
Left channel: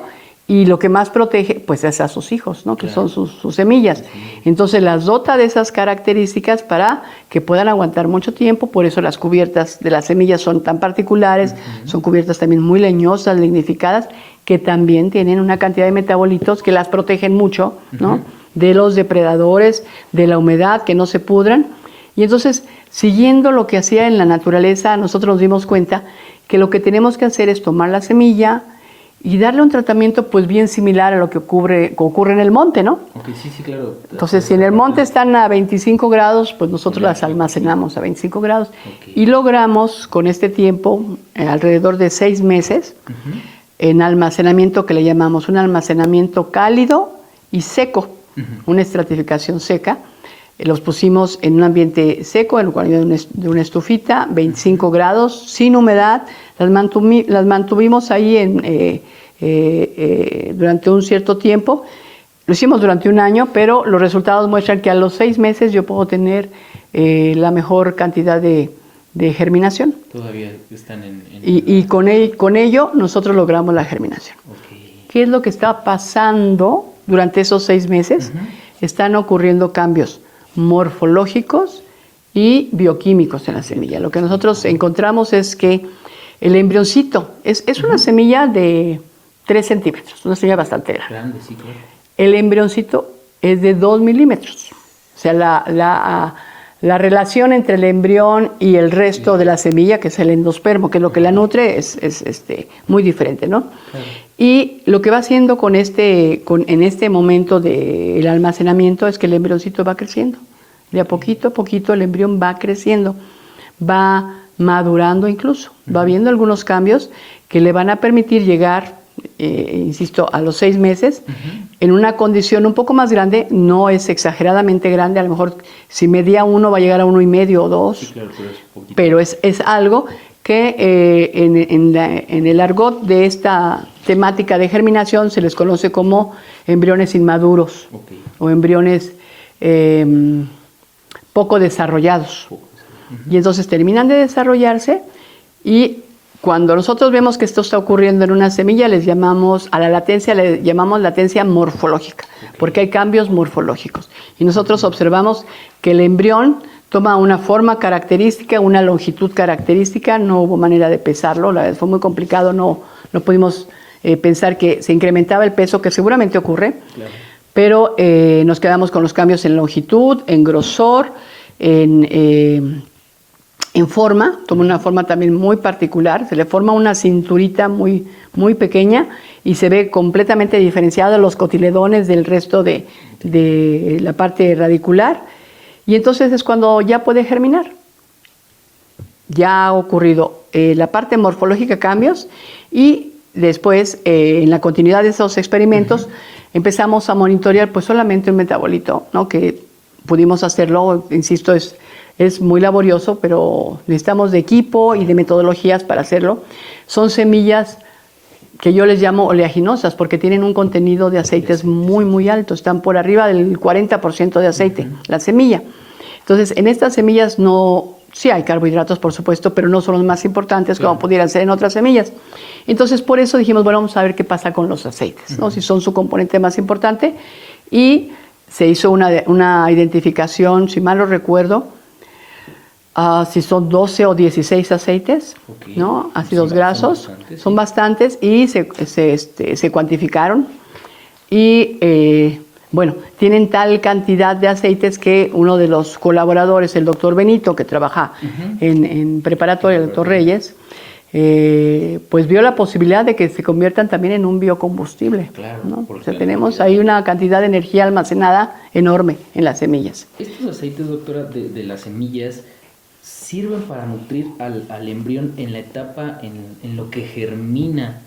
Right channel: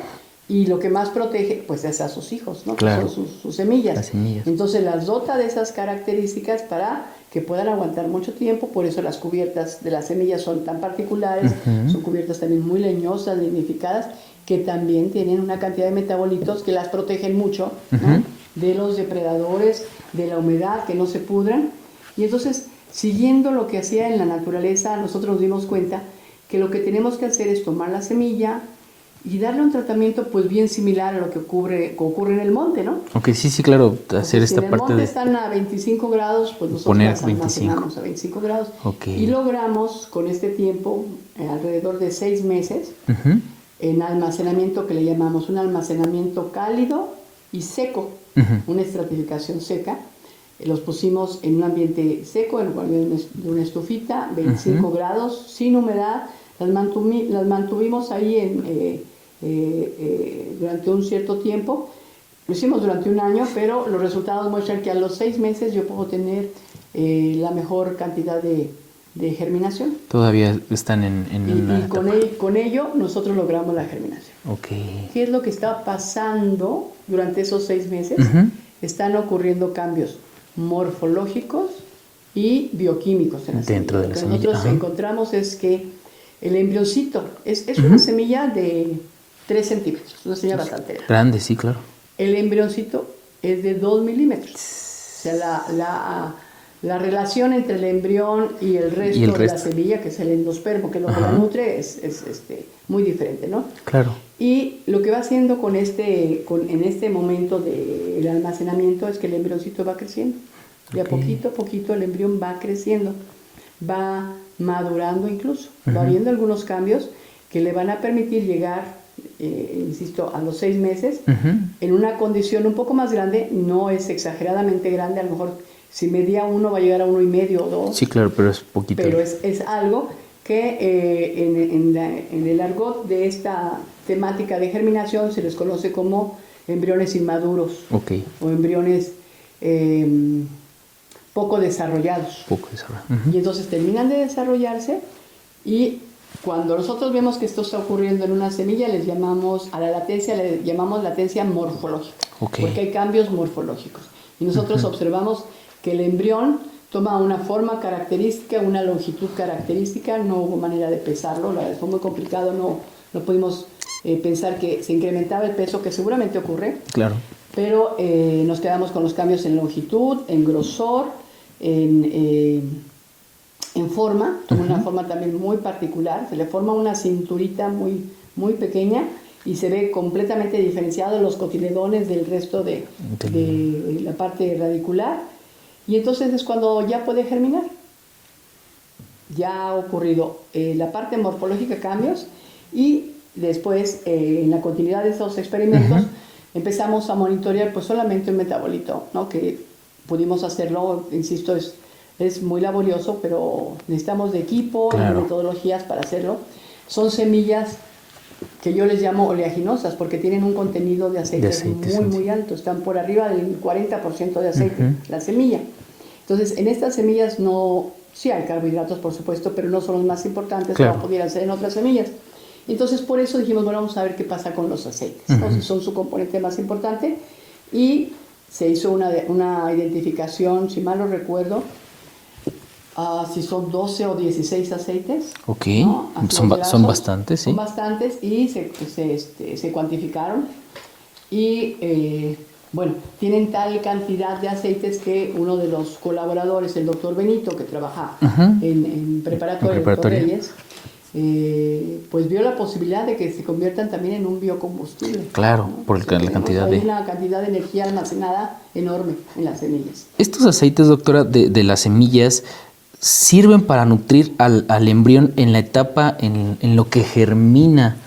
y lo que más protege pues es a sus hijos, ¿no? Claro. Que son sus semillas. Entonces las dota de esas características para que puedan aguantar mucho tiempo. Por eso las cubiertas de las semillas son tan particulares, son cubiertas también muy leñosas, lignificadas, que también tienen una cantidad de metabolitos que las protegen mucho, ¿no? De los depredadores, de la humedad, que no se pudran. Y entonces, siguiendo lo que hacía en la naturaleza, nosotros nos dimos cuenta que lo que tenemos que hacer es tomar la semilla y darle un tratamiento pues bien similar a lo que ocurre en el monte, ¿no? Ok, sí, claro. Entonces, si en el monte están a 25 grados, pues nosotros las almacenamos 25. a 25 grados. Okay. Y logramos con este tiempo, alrededor de 6 meses, en almacenamiento que le llamamos un almacenamiento cálido y seco, una estratificación seca. Los pusimos en un ambiente seco, en lugar de una estufita, 25 grados, sin humedad. Las mantuvimos ahí durante un cierto tiempo. Lo hicimos durante un año, pero los resultados muestran que a los 6 meses yo puedo tener la mejor cantidad de germinación. Todavía están Y con ello nosotros logramos la germinación. Okay. ¿Qué es lo que está pasando durante esos 6 meses? Están ocurriendo cambios morfológicos y bioquímicos en la semilla. Lo que nosotros encontramos es que el embrioncito es una semilla de 3 centímetros, una semilla bastante grande. Grande, sí, claro. El embrioncito es de 2 milímetros. O sea, la relación entre el embrión y el resto de la semilla, que es el endospermo, que es lo que la nutre, es muy diferente, ¿no? Claro. Y lo que va haciendo en este momento del almacenamiento es que el embrioncito va creciendo. De a poquito a poquito el embrión va creciendo, va madurando incluso, va viendo algunos cambios que le van a permitir llegar, insisto, a los 6 meses, en una condición un poco más grande. No es exageradamente grande, a lo mejor si medía 1 va a llegar a 1,5 o 2. Sí, claro, pero es poquito. Pero es algo que en el argot de esta temática de germinación se les conoce como embriones inmaduros. Okay. O embriones poco desarrollados. Y entonces terminan de desarrollarse, y cuando nosotros vemos que esto está ocurriendo en una semilla, le llamamos latencia morfológica, porque hay cambios morfológicos. Y nosotros observamos que el embrión toma una forma característica, una longitud característica. No hubo manera de pesarlo, la verdad fue muy complicado, no pudimos pensar que se incrementaba el peso, que seguramente ocurre. Claro. Pero nos quedamos con los cambios en longitud, en grosor, en forma. Toma una forma también muy particular. Se le forma una cinturita muy, muy pequeña y se ve completamente diferenciado los cotiledones del resto de la parte radicular. Y entonces es cuando ya puede germinar. Ya ha ocurrido la parte morfológica, cambios, y después en la continuidad de esos experimentos empezamos a monitorear pues solamente un metabolito, ¿no? Que pudimos hacerlo, insisto, es muy laborioso, pero necesitamos de equipo y de metodologías para hacerlo. Son semillas que yo les llamo oleaginosas, porque tienen un contenido de aceites muy alto, están por arriba del 40% de aceite, la semilla. Entonces, en estas semillas sí hay carbohidratos, por supuesto, pero no son los más importantes como pudieran ser en otras semillas. Entonces, por eso dijimos, bueno, vamos a ver qué pasa con los aceites, ¿no? Si son su componente más importante. Y se hizo una identificación, si mal no recuerdo, si son 12 o 16 aceites, ¿no? Ácidos grasos. Son bastantes. Son bastantes y se cuantificaron. Y bueno, tienen tal cantidad de aceites que uno de los colaboradores, el doctor Benito, que trabaja en preparatoria, el doctor Reyes, pues vio la posibilidad de que se conviertan también en un biocombustible. Claro, ¿no? Porque tenemos ahí una cantidad de energía almacenada enorme en las semillas. Estos aceites, doctora, de las semillas, ¿sirven para nutrir al embrión en la etapa en lo que germina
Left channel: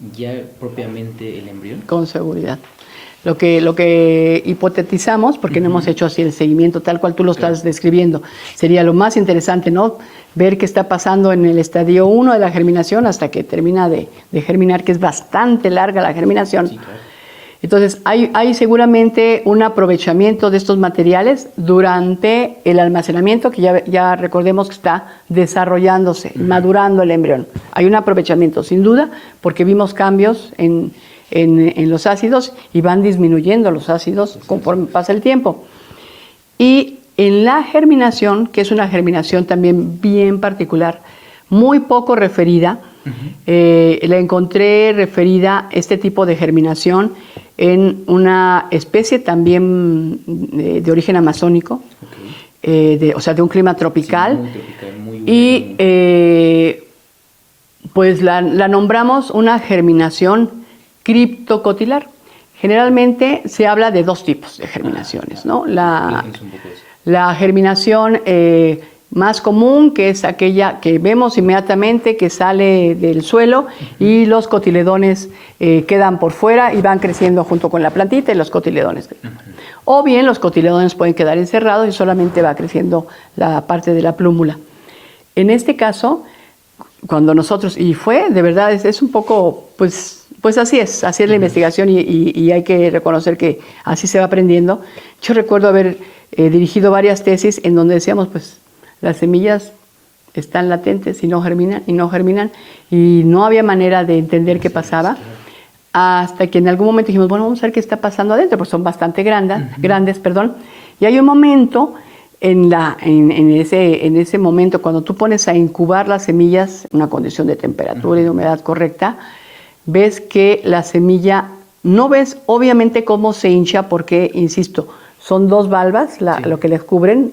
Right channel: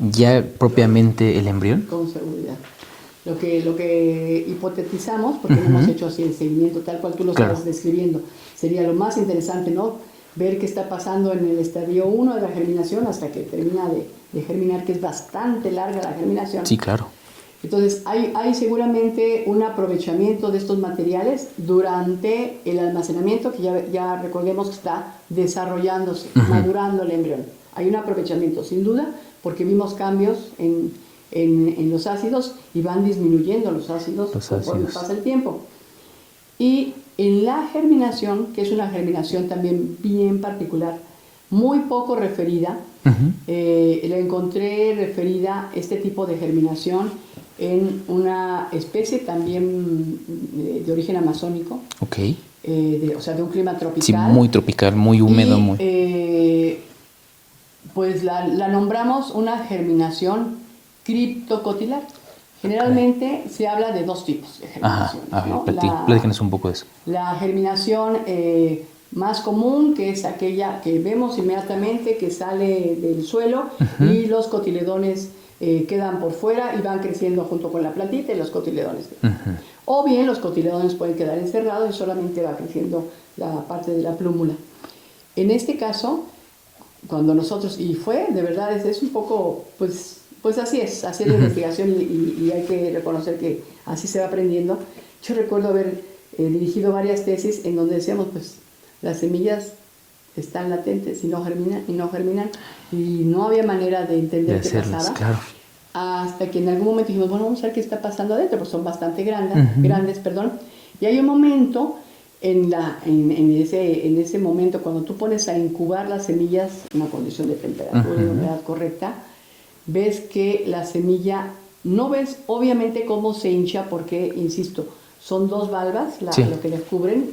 ya propiamente el embrión? Con seguridad. Lo que hipotetizamos, porque no hemos hecho así el seguimiento tal cual tú lo estás describiendo, sería lo más interesante, ¿no? Ver qué está pasando en el estadio 1 de la germinación hasta que termina de germinar, que es bastante larga la germinación. Sí, claro. Entonces, hay seguramente un aprovechamiento de estos materiales durante el almacenamiento, que ya recordemos que está desarrollándose, madurando el embrión. Hay un aprovechamiento, sin duda, porque vimos cambios en los ácidos y van disminuyendo los ácidos conforme pasa el tiempo. Y en la germinación, que es una germinación también bien particular, muy poco referida, la encontré referida, este tipo de germinación, en una especie también de origen amazónico, o sea, de un clima tropical. Sí, muy tropical, muy húmedo. Pues la nombramos una germinación criptocotilar. Generalmente se habla de dos tipos de germinaciones, ¿no? Platícanos un poco de eso. La germinación más común, que es aquella que vemos inmediatamente que sale del suelo y los cotiledones quedan por fuera y van creciendo junto con la plantita y los cotiledones. O bien los cotiledones pueden quedar encerrados y solamente va creciendo la parte de la plúmula. En este caso, cuando nosotros, y fue, de verdad, es un poco, pues así es la investigación y hay que reconocer que así se va aprendiendo. Yo recuerdo haber dirigido varias tesis en donde decíamos, pues, las semillas están latentes y no germinan, y no había manera de entender qué pasaba, hasta que en algún momento dijimos, bueno, vamos a ver qué está pasando adentro, porque son bastante grandes, y hay un momento en ese momento cuando tú pones a incubar las semillas en una condición de temperatura y de humedad correcta, ves que la semilla, no ves obviamente cómo se hincha, porque, insisto, son dos valvas lo que les cubren,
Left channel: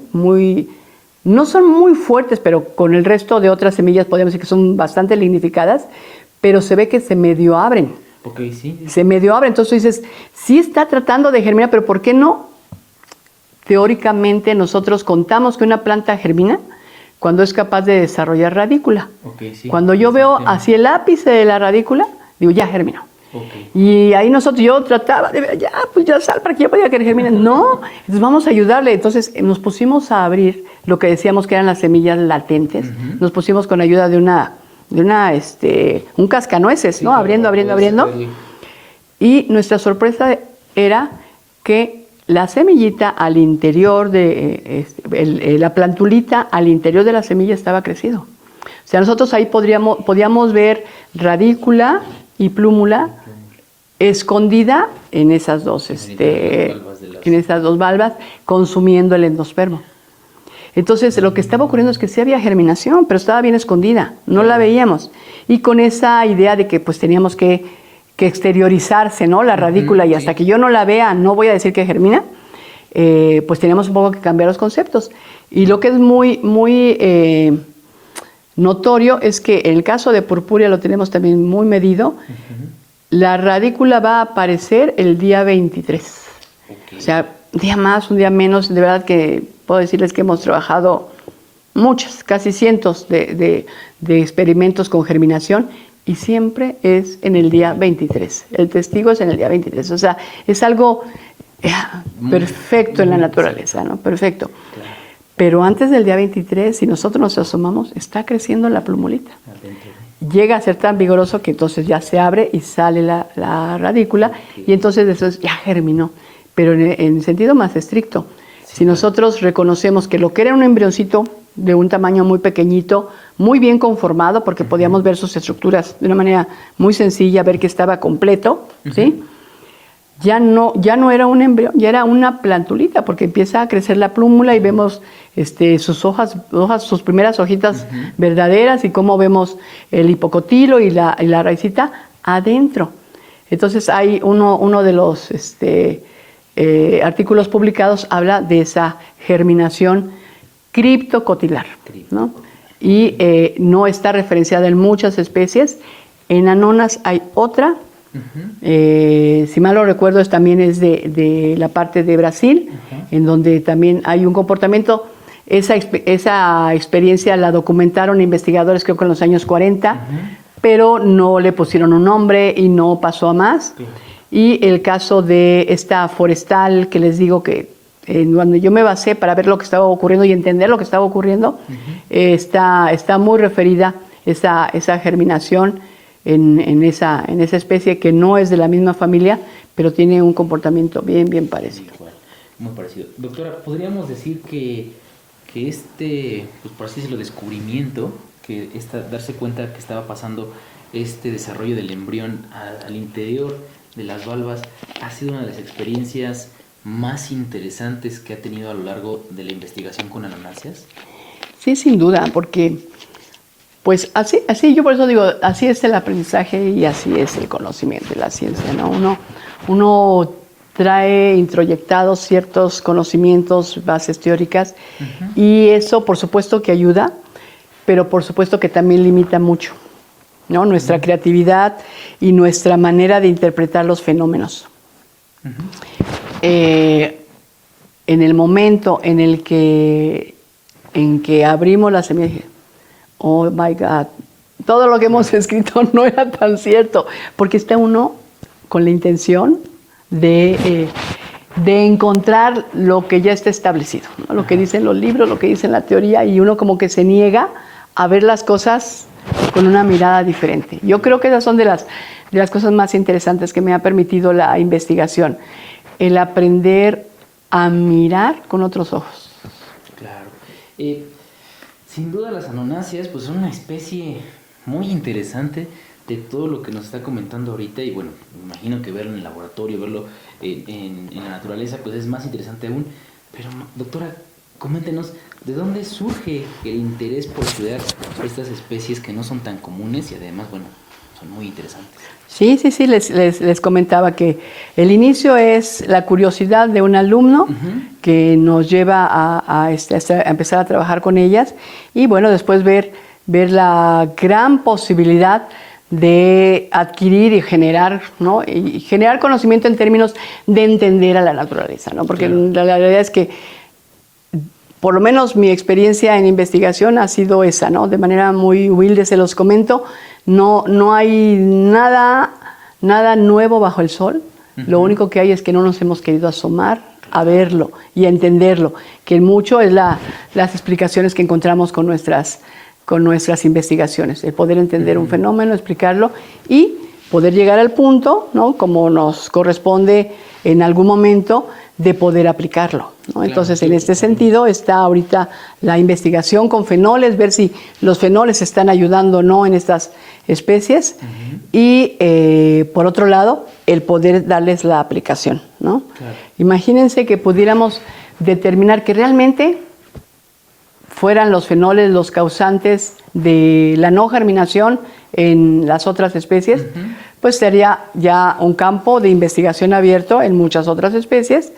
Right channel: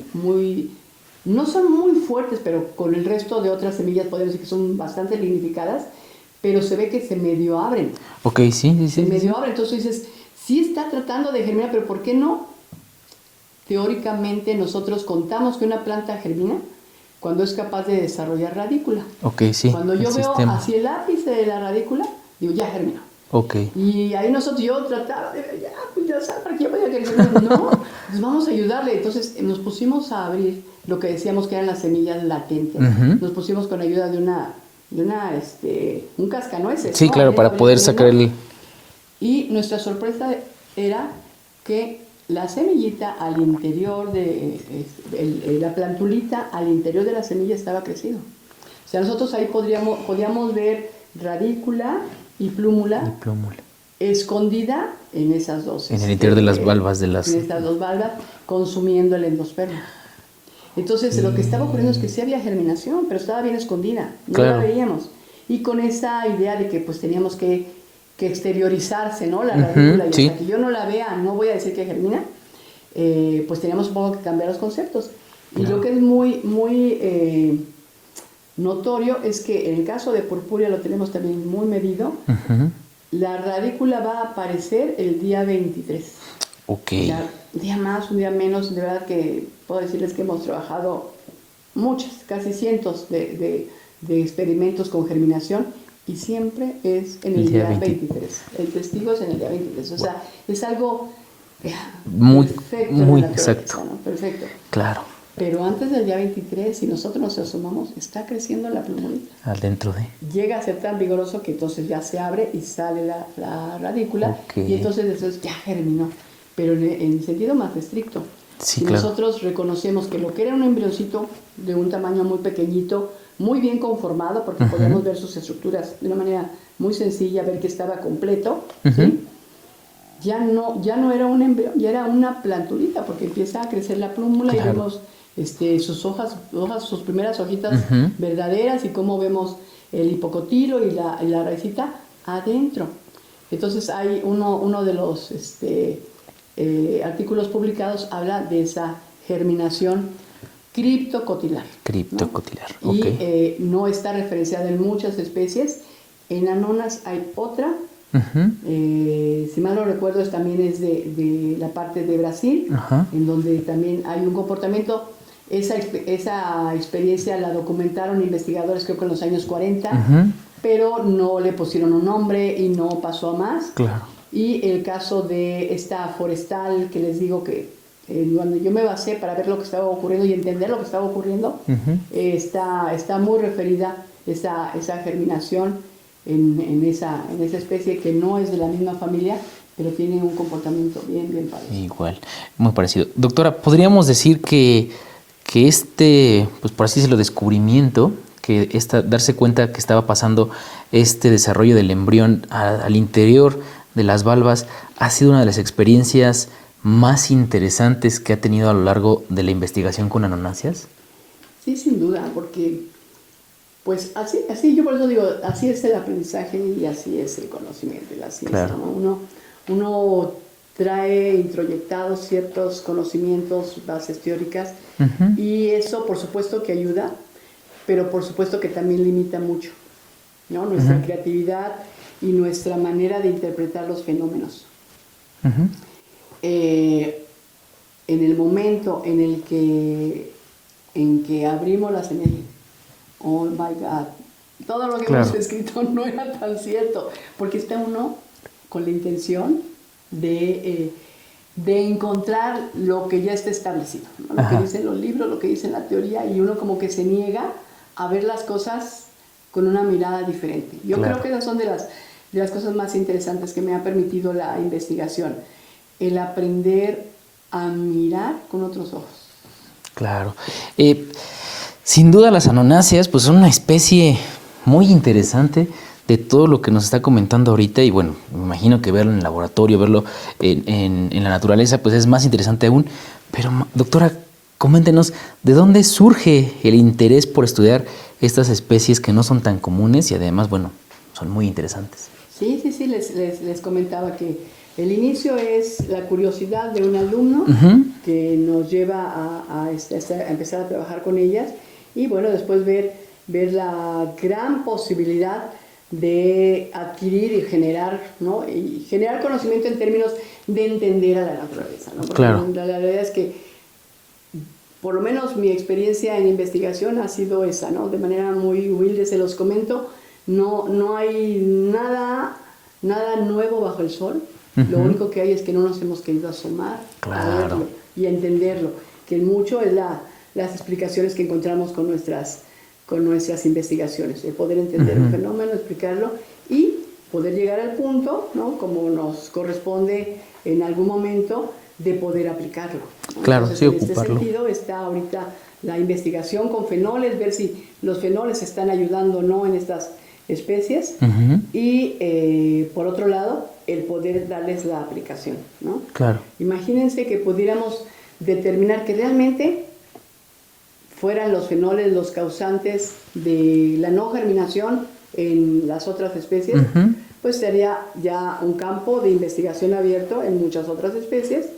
no son muy fuertes, pero con el resto de otras semillas podemos decir que son bastante lignificadas, pero se ve que se medio abren. Se medio abren, entonces dices, sí está tratando de germinar, pero ¿por qué no? Teóricamente nosotros contamos que una planta germina cuando es capaz de desarrollar radícula. Cuando yo veo hacia el ápice de la radícula, digo, ya germinó. Y ahí yo trataba de ver, ya sal para que yo pudiera que germine. No, entonces vamos a ayudarle. Entonces nos pusimos a abrir lo que decíamos que eran las semillas latentes. Nos pusimos con ayuda de un cascanueces, ¿no? Claro, abriendo. Y nuestra sorpresa era que la semillita al interior la plantulita al interior de la semilla estaba crecido. O sea, nosotros ahí podíamos ver radícula y plúmula escondida en esas dos. En el interior de las valvas en esas dos valvas, consumiendo el endospermo. Entonces, lo que estaba ocurriendo es que sí había germinación, pero estaba bien escondida, no la veíamos. Y con esa idea de que pues teníamos que exteriorizarse, ¿no? La radícula, y hasta que yo no la vea, no voy a decir que germina, pues teníamos un poco que cambiar los conceptos. Y lo que es muy notorio es que en el caso de purpúrea lo tenemos también muy medido. La radícula va a aparecer el día 23. O sea, un día más, un día menos. De verdad que puedo decirles que hemos trabajado casi cientos de experimentos con germinación, y siempre es en el día 23. El testigo es en el día 23. O sea, es algo perfecto en la naturaleza, ¿no? Perfecto. Claro. Pero antes del día 23, si nosotros nos asomamos, está creciendo la plumulita. Adentro de. Llega a ser tan vigoroso que entonces ya se abre y sale la radícula, Ok. y entonces eso ya germinó. Pero en sentido más estricto. Sí, Si claro. nosotros reconocemos que lo que era un embrioncito de un tamaño muy pequeñito, muy bien conformado, porque podíamos ver sus estructuras de una manera muy sencilla, ver que estaba completo, ¿sí? Ya no era un embrión, ya era una plantulita, porque empieza a crecer la plúmula y vemos sus hojas, sus primeras hojitas verdaderas, y cómo vemos el hipocotilo y la raicita adentro. Entonces hay uno de los artículos publicados habla de esa germinación criptocotilar. Criptocotilar. ¿No? Y no está referenciada en muchas especies. En Anonas hay otra. Si mal no recuerdo, también es de la parte de Brasil, en donde también hay un comportamiento. Esa experiencia la documentaron investigadores, creo que en los años 40, pero no le pusieron un nombre y no pasó a más. Claro. Y el caso de esta forestal, que les digo que cuando yo me basé para ver lo que estaba ocurriendo y entender lo que estaba ocurriendo, está muy referida esa germinación en esa especie que no es de la misma familia, pero tiene un comportamiento bien parecido. Igual, muy parecido. Doctora, ¿podríamos decir que pues por así decirlo, descubrimiento, darse cuenta que estaba pasando este desarrollo del embrión al interior de las valvas, ha sido una de las experiencias más interesantes que ha tenido a lo largo de la investigación con anonáceas? Sí, sin duda, porque pues así yo por eso digo, así es el aprendizaje y así es el conocimiento y la ciencia, claro. ¿No? Uno trae introyectados ciertos conocimientos, bases teóricas, y eso por supuesto que ayuda, pero por supuesto que también limita mucho, ¿no? Nuestra creatividad y nuestra manera de interpretar los fenómenos. En el momento en que abrimos la semilla, oh my God, todo lo que hemos escrito no era tan cierto, porque está uno con la intención de encontrar lo que ya está establecido, ¿no? Lo que dicen los libros, lo que dice la teoría, y uno como que se niega a ver las cosas con una mirada diferente. Yo creo que esas son de las cosas más interesantes que me ha permitido la investigación, el aprender a mirar con otros ojos. Claro. Sin duda las anonáceas pues son una especie muy interesante de todo lo que nos está comentando ahorita, y bueno, me imagino que verlo en el laboratorio, verlo en la naturaleza, pues es más interesante aún. Pero doctora, coméntenos, ¿de dónde surge el interés por estudiar estas especies que no son tan comunes y además, bueno, son muy interesantes? Sí, les comentaba que el inicio es la curiosidad de un alumno que nos lleva a empezar a trabajar con ellas, y bueno, después ver la gran posibilidad de adquirir y generar, ¿no? Y generar conocimiento en términos de entender a la naturaleza, ¿no? Porque claro, la realidad es que, por lo menos mi experiencia en investigación ha sido esa, ¿no? De manera muy humilde se los comento, no hay nada nuevo bajo el sol. Lo único que hay es que no nos hemos querido asomar a verlo y a entenderlo, que mucho es las explicaciones que encontramos con nuestras investigaciones, el poder entender un fenómeno, explicarlo y poder llegar al punto, ¿no? Como nos corresponde en algún momento, de poder aplicarlo, ¿no? Claro, entonces, en este sentido está ahorita la investigación con fenoles, ver si los fenoles están ayudando o no en estas especies, y por otro lado, el poder darles la aplicación, ¿no? Claro. Imagínense que pudiéramos determinar que realmente fueran los fenoles los causantes de la no germinación en las otras especies, pues sería ya un campo de investigación abierto en muchas otras especies.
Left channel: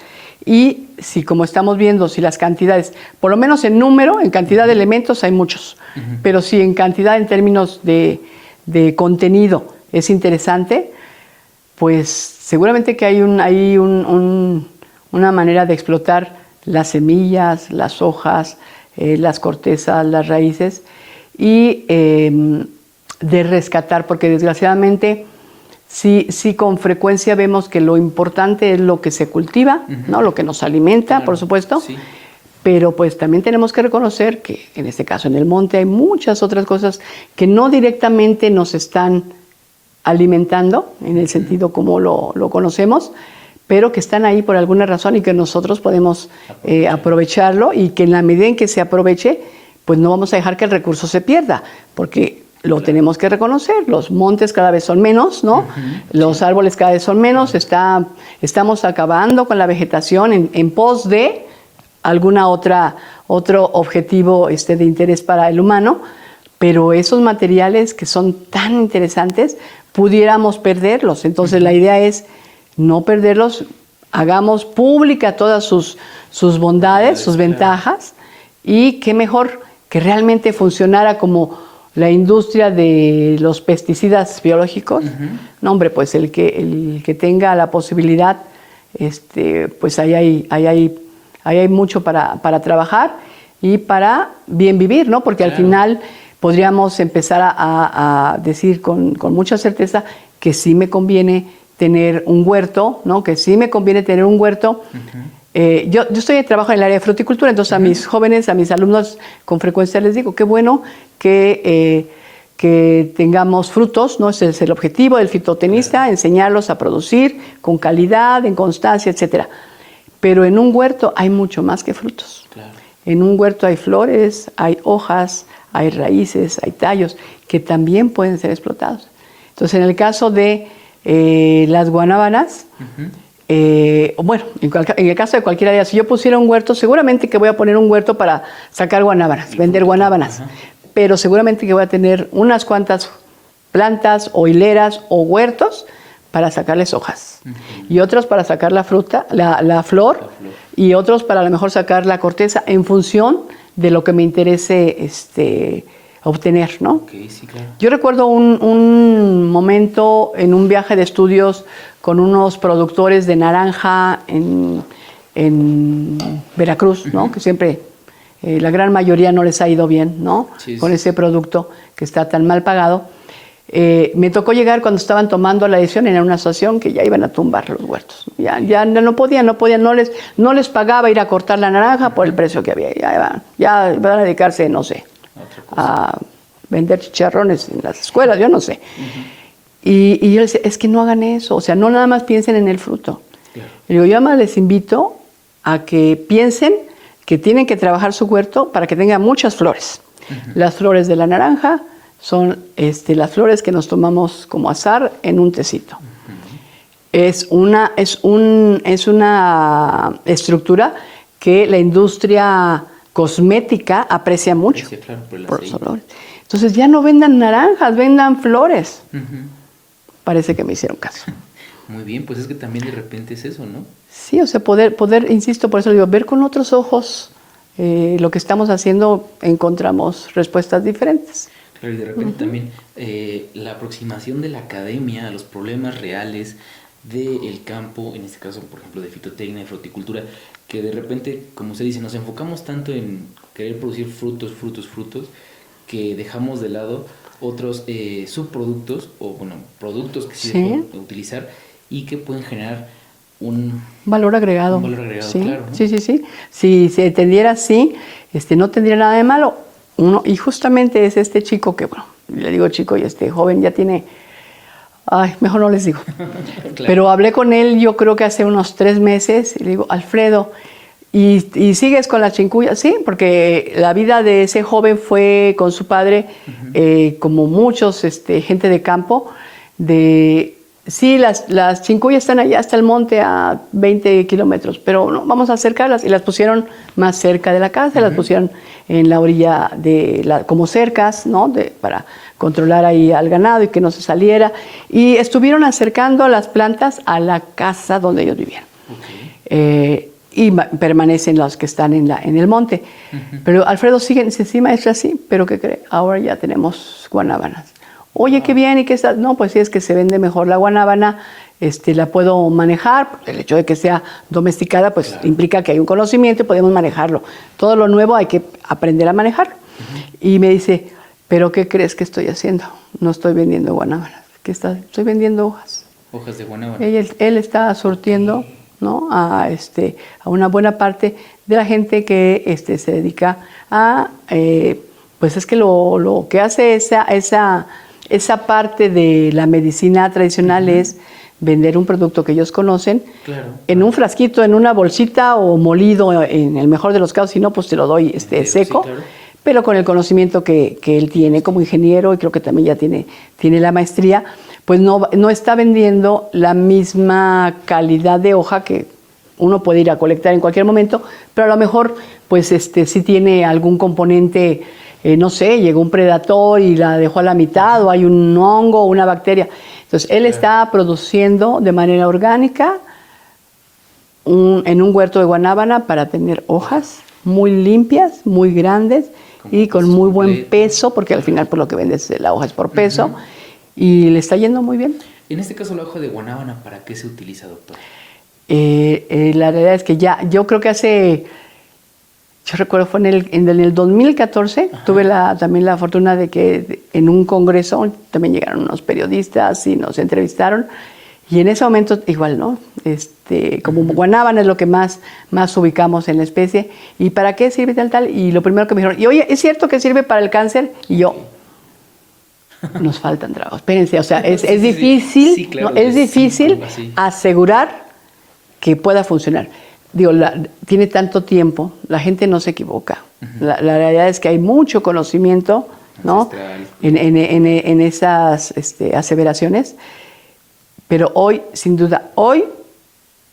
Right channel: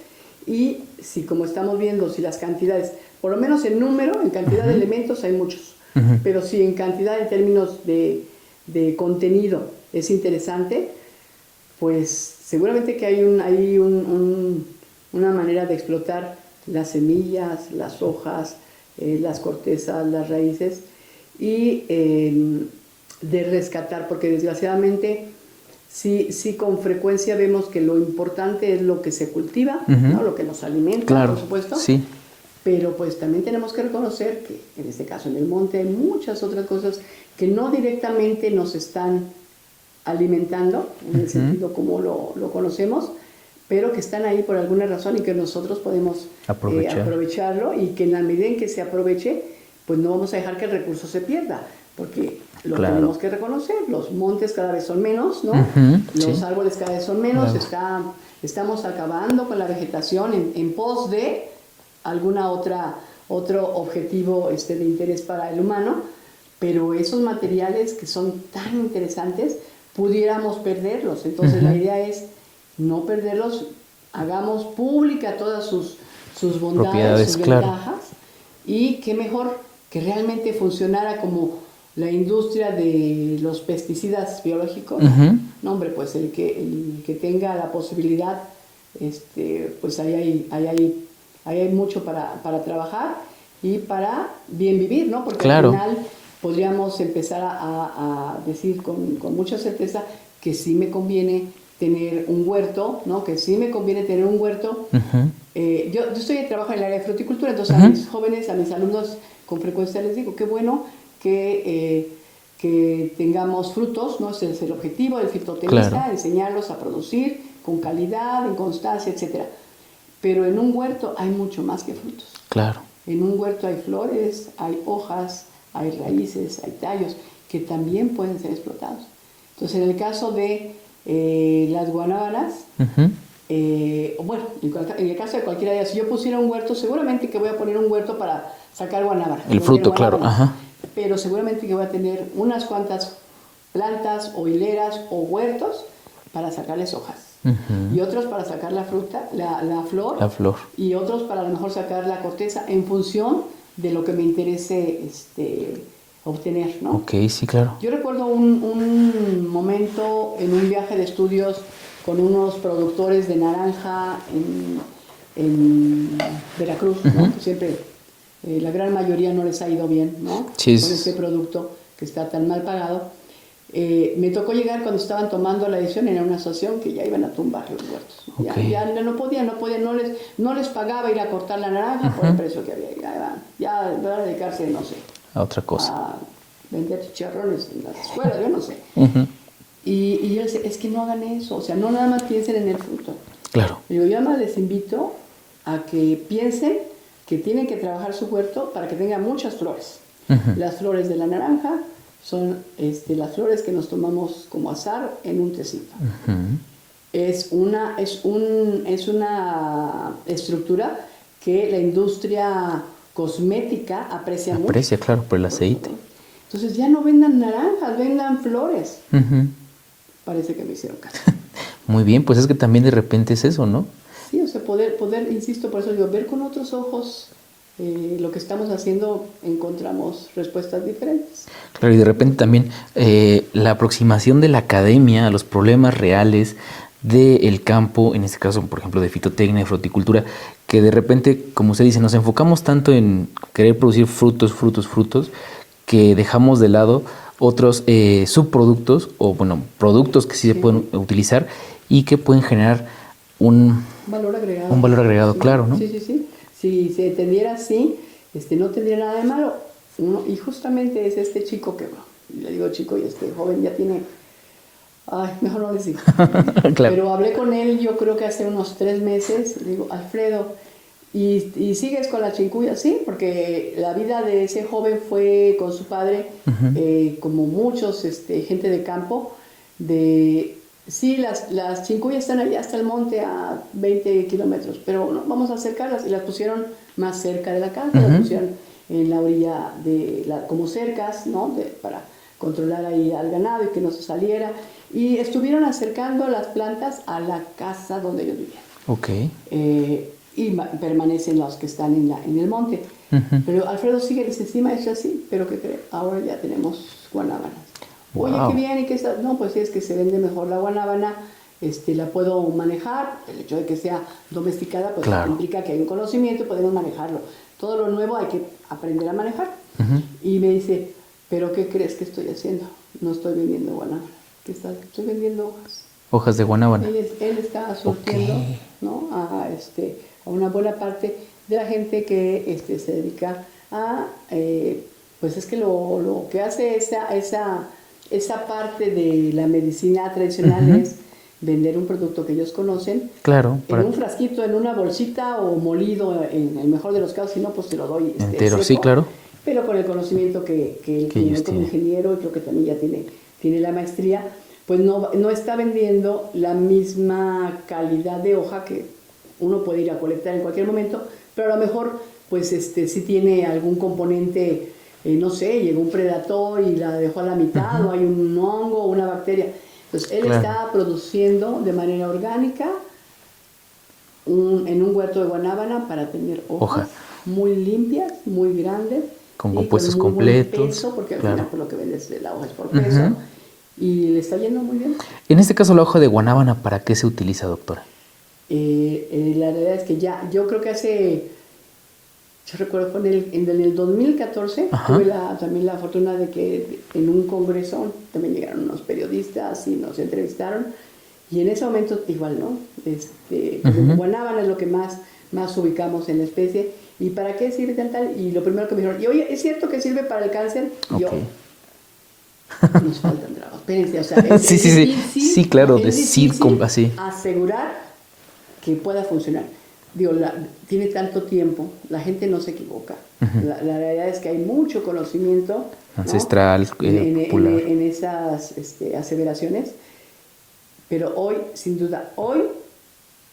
Y si, como estamos viendo, si las cantidades, por lo menos en número, en cantidad de elementos hay muchos, pero si en cantidad, en términos de contenido, es interesante, pues seguramente que hay una manera de explotar las semillas, las hojas, las cortezas, las raíces, y de rescatar, porque desgraciadamente sí con frecuencia vemos que lo importante es lo que se cultiva, ¿no? Lo que nos alimenta, claro, por supuesto, Pero pues también tenemos que reconocer que en este caso en el monte hay muchas otras cosas que no directamente nos están alimentando, en el sentido como lo conocemos, pero que están ahí por alguna razón y que nosotros podemos aprovecharlo, y que en la medida en que se aproveche, pues no vamos a dejar que el recurso se pierda, porque lo tenemos que reconocer. Los montes cada vez son menos, ¿no? Los árboles cada vez son menos. Estamos acabando con la vegetación en pos de alguna otro objetivo de interés para el humano, pero esos materiales que son tan interesantes pudiéramos perderlos. Entonces la idea es no perderlos, hagamos pública todas sus bondades, sus ventajas, y qué mejor que realmente funcionara como la industria de los pesticidas biológicos. No, hombre, pues el que tenga la posibilidad, pues ahí hay mucho para trabajar y para bien vivir, ¿no? Porque al final podríamos empezar a decir con mucha certeza que sí me conviene tener un huerto, ¿no? Que sí me conviene tener un huerto. Yo trabajo en el área de fruticultura, entonces a mis jóvenes, a mis alumnos, con frecuencia les digo, qué bueno que tengamos frutos, ¿no? Ese es el objetivo del fitotenista, enseñarlos a producir con calidad, en constancia, etcétera. Pero en un huerto hay mucho más que frutos. En un huerto hay flores, hay hojas, hay raíces, hay tallos que también pueden ser explotados. Entonces, en el caso de las guanábanas, bueno, en el caso de cualquier área, si yo pusiera un huerto, seguramente que voy a poner un huerto para sacar guanábanas, vender guanábanas. Pero seguramente que voy a tener unas cuantas plantas o hileras o huertos para sacarles hojas. Y otros para sacar la fruta, la flor. Y otros para a lo mejor sacar la corteza en función de lo que me interese obtener, ¿no? Sí, claro. Yo recuerdo un momento en un viaje de estudios con unos productores de naranja en Veracruz, ¿no? Que siempre, la gran mayoría no les ha ido bien, ¿no? Con ese producto que está tan mal pagado. Me tocó llegar cuando estaban tomando la decisión en una asociación que ya iban a tumbar los huertos. Ya no podían, no les pagaba ir a cortar la naranja por el precio que había. Ya van a dedicarse, no sé, a otra cosa. A vender chicharrones en las escuelas, yo no sé. Y yo les decía, es que no hagan eso, o sea, no nada más piensen en el fruto. Y yo además les invito a que piensen que tienen que trabajar su huerto para que tenga muchas flores. Las flores de la naranja son las flores que nos tomamos como azar en un tecito. Es una estructura que la industria cosmética aprecia mucho. Claro, por el aceite. Entonces ya no vendan naranjas, vendan flores. Parece que me hicieron caso. Muy bien, pues es que también de repente es eso, ¿no? Sí, o sea, poder, insisto, por eso digo, ver con otros ojos lo que estamos haciendo, encontramos respuestas diferentes. Claro, y de repente también la aproximación de la academia a los problemas reales del campo, en este caso, por ejemplo, de fitotecnia, de fruticultura, que de repente, como usted dice, nos enfocamos tanto en querer producir frutos, que dejamos de lado otros subproductos o, bueno, productos que sí se pueden utilizar y que pueden generar un valor agregado. Un valor agregado, claro, ¿no? Sí. Si se entendiera así, no tendría nada de malo. Y justamente es este chico que, bueno, le digo chico, y joven ya tiene... Ay, mejor no les digo. Pero hablé con él, yo creo que hace unos 3 meses, y le digo, Alfredo, ¿y sigues con la chincuya? Sí, porque la vida de ese joven fue con su padre, como muchos, gente de campo, sí, las chincuyas están allá hasta el monte a 20 kilómetros, pero no, vamos a acercarlas, y las pusieron más cerca de la casa, las pusieron en la orilla como cercas, ¿no? Para controlar ahí al ganado y que no se saliera, y estuvieron acercando las plantas a la casa donde ellos vivían. Y permanecen los que están en el monte. Pero Alfredo sigue, sí, maestra, sí, pero ¿qué cree? Ahora ya tenemos guanábanas. Oye, qué bien, ¿y qué está? No, pues sí, es que se vende mejor la guanábana, la puedo manejar. El hecho de que sea domesticada, pues implica que hay un conocimiento y podemos manejarlo. Todo lo nuevo hay que aprender a manejar. Y me dice, ¿pero qué crees que estoy haciendo? No estoy vendiendo guanábanas. Estoy vendiendo hojas. Hojas de guanábana. Él está surtiendo ¿no? A una buena parte de la gente que se dedica a, pues es que lo que hace esa parte de la medicina tradicional es vender un producto que ellos conocen en un frasquito, en una bolsita o molido en el mejor de los casos, si no, pues te lo doy entero, seco, sí, claro. pero con el conocimiento que él tiene como ingeniero y creo que también ya tiene la maestría, pues no está vendiendo la misma calidad de hoja que uno puede ir a colectar en cualquier momento, pero a lo mejor pues sí tiene algún componente, no sé, llegó un predator y la dejó a la mitad, o hay un hongo o una bacteria. Entonces, él está produciendo de manera orgánica en un huerto de Guanábana para tener hojas muy limpias, muy grandes y con muy buen peso, porque al final por lo que vendes la hoja es por peso, y le está yendo muy bien. En este caso, la hoja de guanábana, ¿para qué se utiliza, doctora? La realidad es que yo creo que yo recuerdo fue en el 2014, tuve también la fortuna de que en un congreso también llegaron unos periodistas y nos entrevistaron, y en ese momento igual, ¿no? Como guanábana es lo que más ubicamos en la especie, ¿y para qué sirve tal? Y lo primero que me dijeron, y oye, ¿es cierto que sirve para el cáncer? Y yo, nos faltan trabajos, espérense, o sea, es difícil, sí, claro, ¿no? Es difícil asegurar que pueda funcionar. Digo, tiene tanto tiempo, la gente no se equivoca. La realidad es que hay mucho conocimiento, ¿no? Ancestral, en esas aseveraciones, pero hoy, sin duda,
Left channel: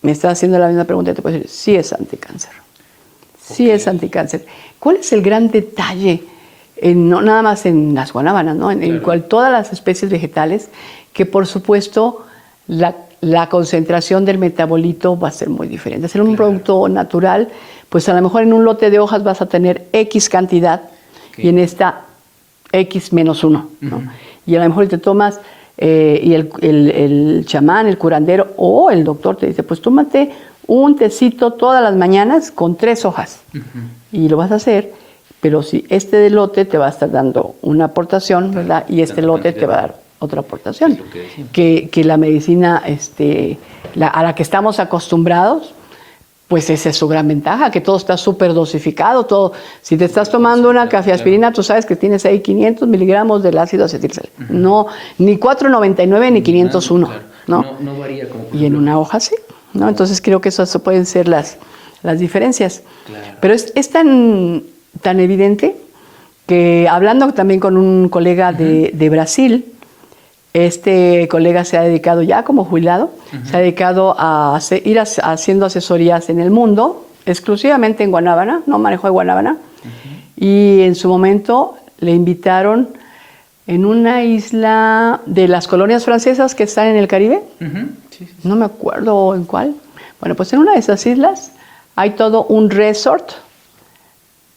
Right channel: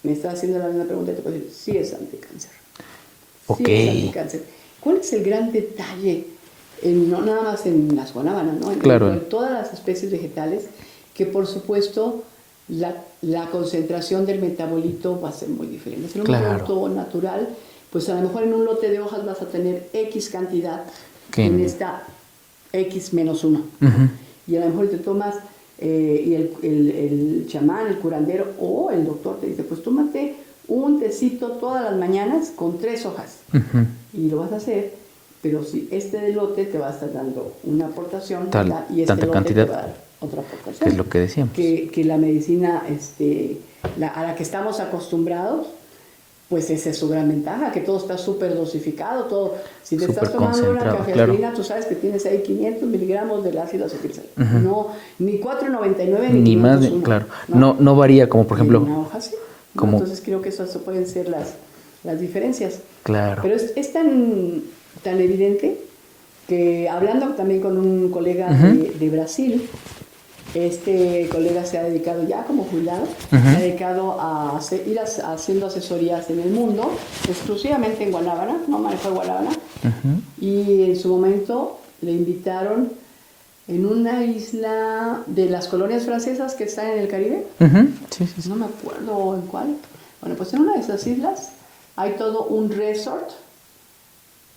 me está haciendo la misma pregunta y te puedo decir, sí es anticáncer. Sí es anticáncer. ¿Cuál es el gran detalle? No nada más en las guanábanas, ¿no? En todas las especies vegetales, que por supuesto la concentración del metabolito va a ser muy diferente. Ser un producto natural, pues a lo mejor en un lote de hojas vas a tener X cantidad y en esta X menos 1. ¿no? Y a lo mejor te tomas y el chamán, el curandero o el doctor te dice, pues tómate un tecito todas las mañanas con 3 hojas. Y lo vas a hacer, pero si este lote te va a estar dando una aportación, ¿verdad? Y este lote te va a dar otra aportación. Es lo que decíamos. Que la medicina a la que estamos acostumbrados, pues esa es su gran ventaja, que todo está súper dosificado, todo. Si te estás tomando una cafeaspirina, tú sabes que tienes ahí 500 miligramos del ácido acetilsalicílico. No, ni 499 ni 501. No varía, como por ejemplo. Y en una hoja sí. ¿no? Entonces creo que eso pueden ser las diferencias. Pero es tan evidente que hablando también con un colega de Brasil, este colega se ha dedicado ya como jubilado, se ha dedicado a ir haciendo asesorías en el mundo, exclusivamente en guanábana, no manejo de guanábana, y en su momento le invitaron en una isla de las colonias francesas que están en el Caribe, no me acuerdo en cuál, bueno, pues en una de esas islas hay todo un resort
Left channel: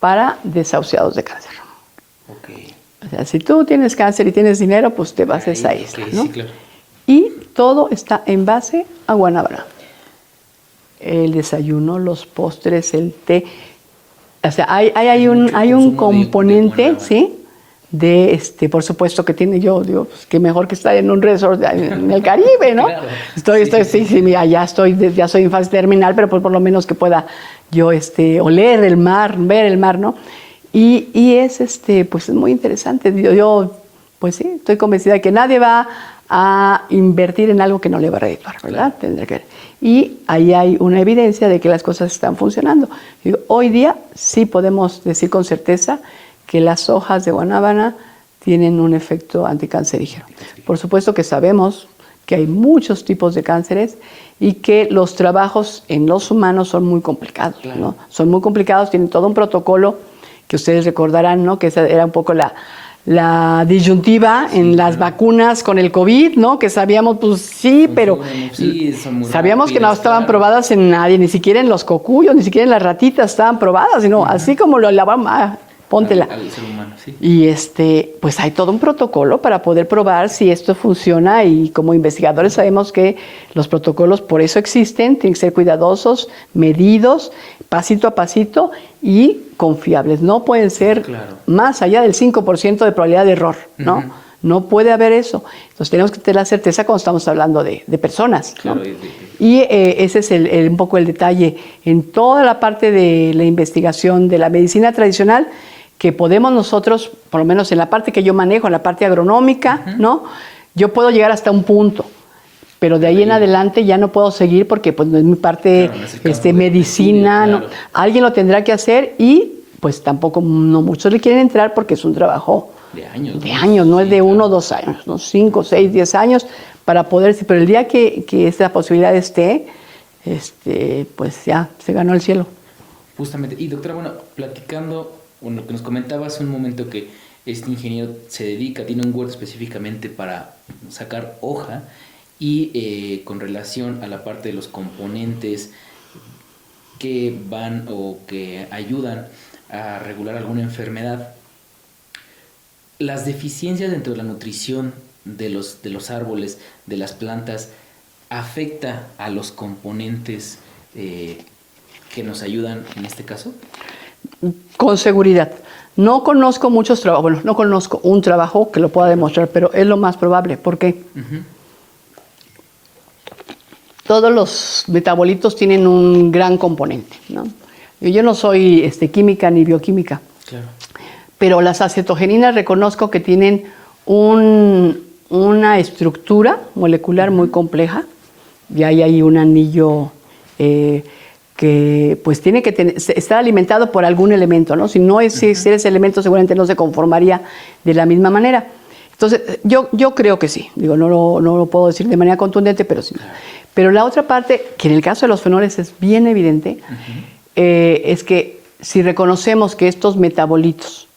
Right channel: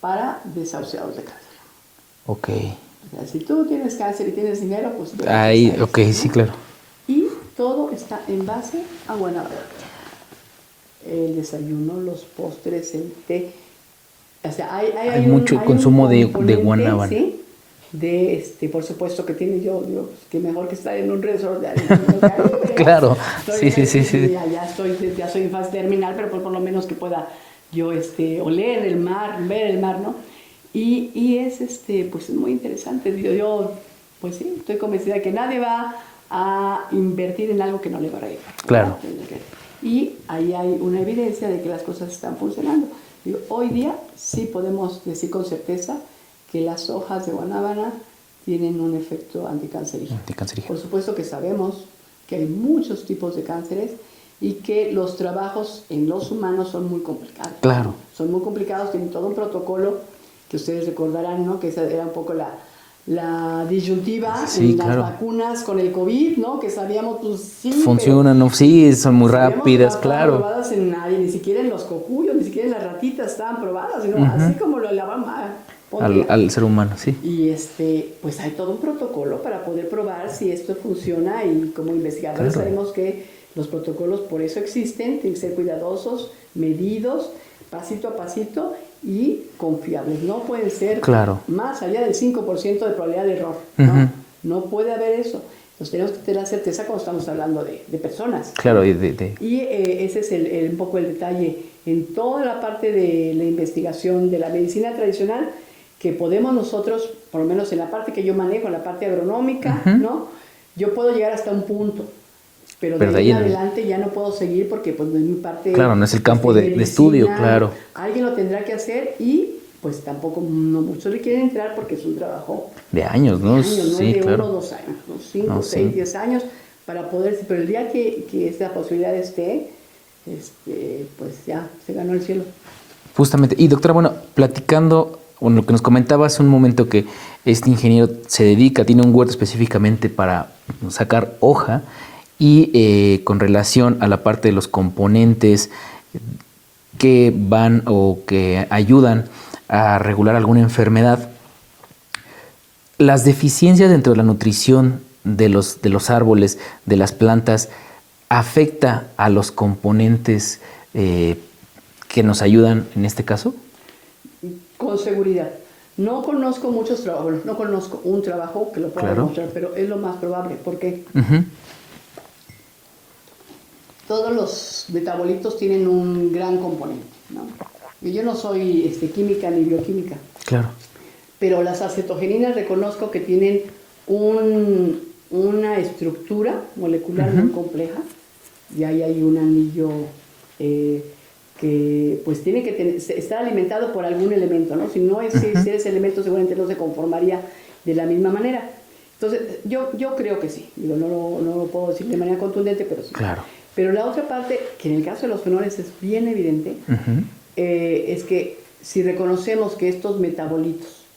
para desahuciados de cáncer. Ok. O sea, si tú tienes cáncer y tienes dinero, pues te vas a esa isla, ¿no? Sí, claro. Y todo está en base a guanábana. El desayuno, los postres, el té. O sea, hay un componente, ¿sí? Por supuesto que tiene digo, pues, que mejor que estar en un resort en el Caribe, ¿no? Claro. Ya soy en fase terminal, pero por lo menos que pueda yo oler el mar, ver el mar, ¿no? Y es pues es muy interesante. Yo pues sí, estoy convencida de que nadie va a invertir en algo que no le va a redituar, ¿verdad? Tendrá que ver. Y ahí hay una evidencia de que las cosas están funcionando. Hoy día sí podemos decir con certeza que las hojas de guanábana tienen un efecto anticancerígeno. Por supuesto que sabemos que hay muchos tipos de cánceres y que los trabajos en los humanos son muy complicados. ¿no? Son muy complicados, tienen todo un protocolo que ustedes recordarán, ¿no? Que esa era un poco la disyuntiva en las vacunas con el COVID, ¿no? Que sabíamos, pues sí, funcionan, no, sí, son muy sabíamos rápidas, que no estaban probadas en nadie, ni siquiera en los cocuyos, ni siquiera en las ratitas estaban probadas, sino así como lo lavamos, póntela. Al ser humano, sí. Y pues hay todo un protocolo para poder probar si esto funciona y como investigadores sabemos que los protocolos por eso existen, tienen que ser cuidadosos, medidos, pasito a pasito y confiables. No pueden ser más allá del 5% de probabilidad de error, ¿no? No puede haber eso. Entonces tenemos que tener la certeza cuando estamos hablando de personas. Claro, ¿no? Y ese es un poco el detalle en toda la parte de la investigación de la medicina tradicional, que podemos nosotros, por lo menos en la parte que yo manejo, en la parte agronómica, ¿no? Yo puedo llegar hasta un punto, pero de ahí en adelante ya no puedo seguir porque pues no es mi parte no es el campo de medicina. estudio, claro. Alguien lo tendrá que hacer y pues tampoco no muchos le quieren entrar porque es un trabajo de años, ¿no? De años, no sí, es de claro. 1 o 2 años, ¿no? 5, 6, 10 años para poder, pero el día que esta posibilidad esté, pues ya se ganó el cielo. Justamente. Y doctora, bueno, platicando, bueno, lo que nos comentaba hace un momento que este ingeniero se dedica, tiene un huerto específicamente para sacar hoja y con relación a la parte de los componentes que van o que ayudan a regular alguna enfermedad, las deficiencias dentro de la nutrición de los árboles, de las plantas, ¿afecta a los componentes que nos ayudan en este caso? Con seguridad. No conozco muchos trabajos, bueno, no conozco un trabajo que lo pueda demostrar, pero es lo más probable. ¿Por qué? Todos los metabolitos tienen un gran componente, ¿no? Yo no soy química ni bioquímica. Claro. Pero las acetogeninas reconozco que tienen una estructura molecular muy compleja y ahí hay un anillo que pues tiene que estar alimentado por algún elemento, ¿no? Si no existiera ese elemento seguramente no se conformaría de la misma manera. Entonces yo creo que sí, digo, no lo puedo decir de manera contundente, pero sí. Claro. Pero la otra parte, que en el caso de los fenoles es bien evidente, es que si reconocemos que estos metabolitos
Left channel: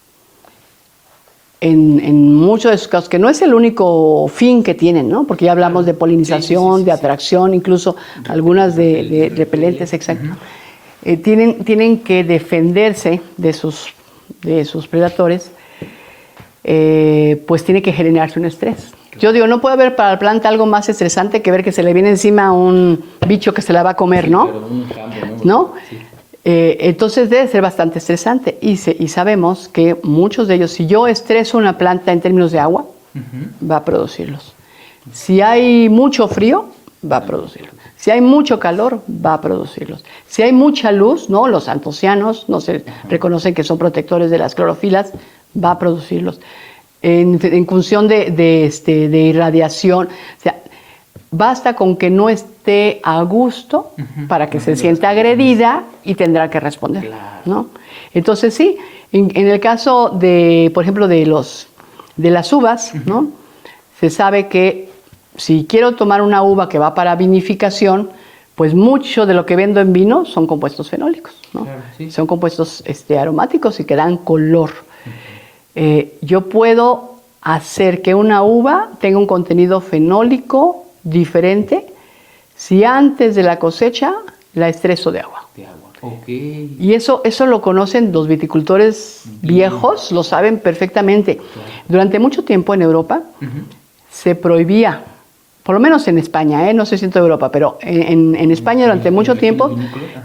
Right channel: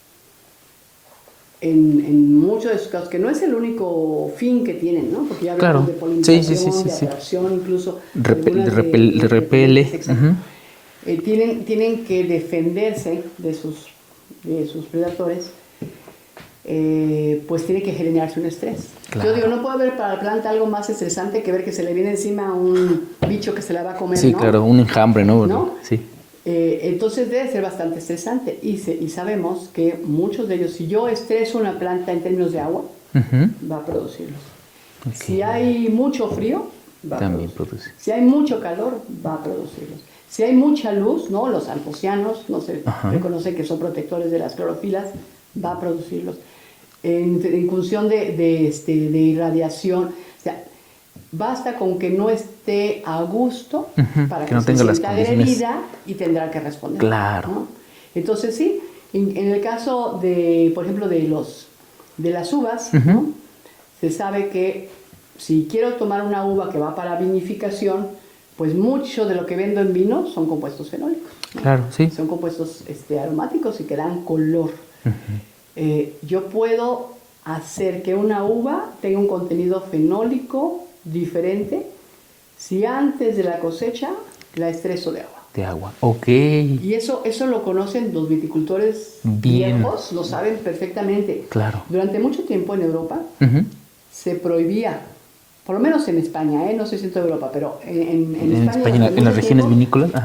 en muchos de sus casos, que no es el único fin que tienen, ¿no? Porque ya hablamos de polinización, de atracción, incluso algunas de repelentes, exacto. Tienen que defenderse de sus predadores, pues tiene que generarse un estrés. Claro. Yo digo, no puede haber para la planta algo más estresante que ver que se le viene encima un bicho que se la va a comer, ¿no? Claro, un enjambre, ¿no? ¿No? Sí. Entonces debe ser bastante estresante y sabemos que muchos de ellos, si yo estreso una planta en términos de agua, va a producirlos. Okay. Si hay mucho frío, va a producirlos. Si hay mucho calor, va a producirlos. Si hay mucha luz, ¿no? Los antocianos no se reconocen que son protectores de las clorofilas, va a producirlos. En función de irradiación, o sea, basta con que no esté a gusto para que se sienta agredida y tendrá que responder. Claro. ¿No? Entonces sí, en el caso de, por ejemplo, de las uvas, ¿no? Se sabe que si quiero tomar una uva que va para vinificación, pues mucho de lo que vendo en vino son compuestos fenólicos, ¿no? Claro, sí. Son compuestos aromáticos y que dan color. Yo puedo hacer que una uva tenga un contenido fenólico diferente si antes de la cosecha la estreso de agua. De agua, ok. Y eso lo conocen los viticultores viejos, lo saben perfectamente. Claro. Durante mucho tiempo en Europa se prohibía, por lo menos en España, no sé si en toda Europa, pero en España durante mucho tiempo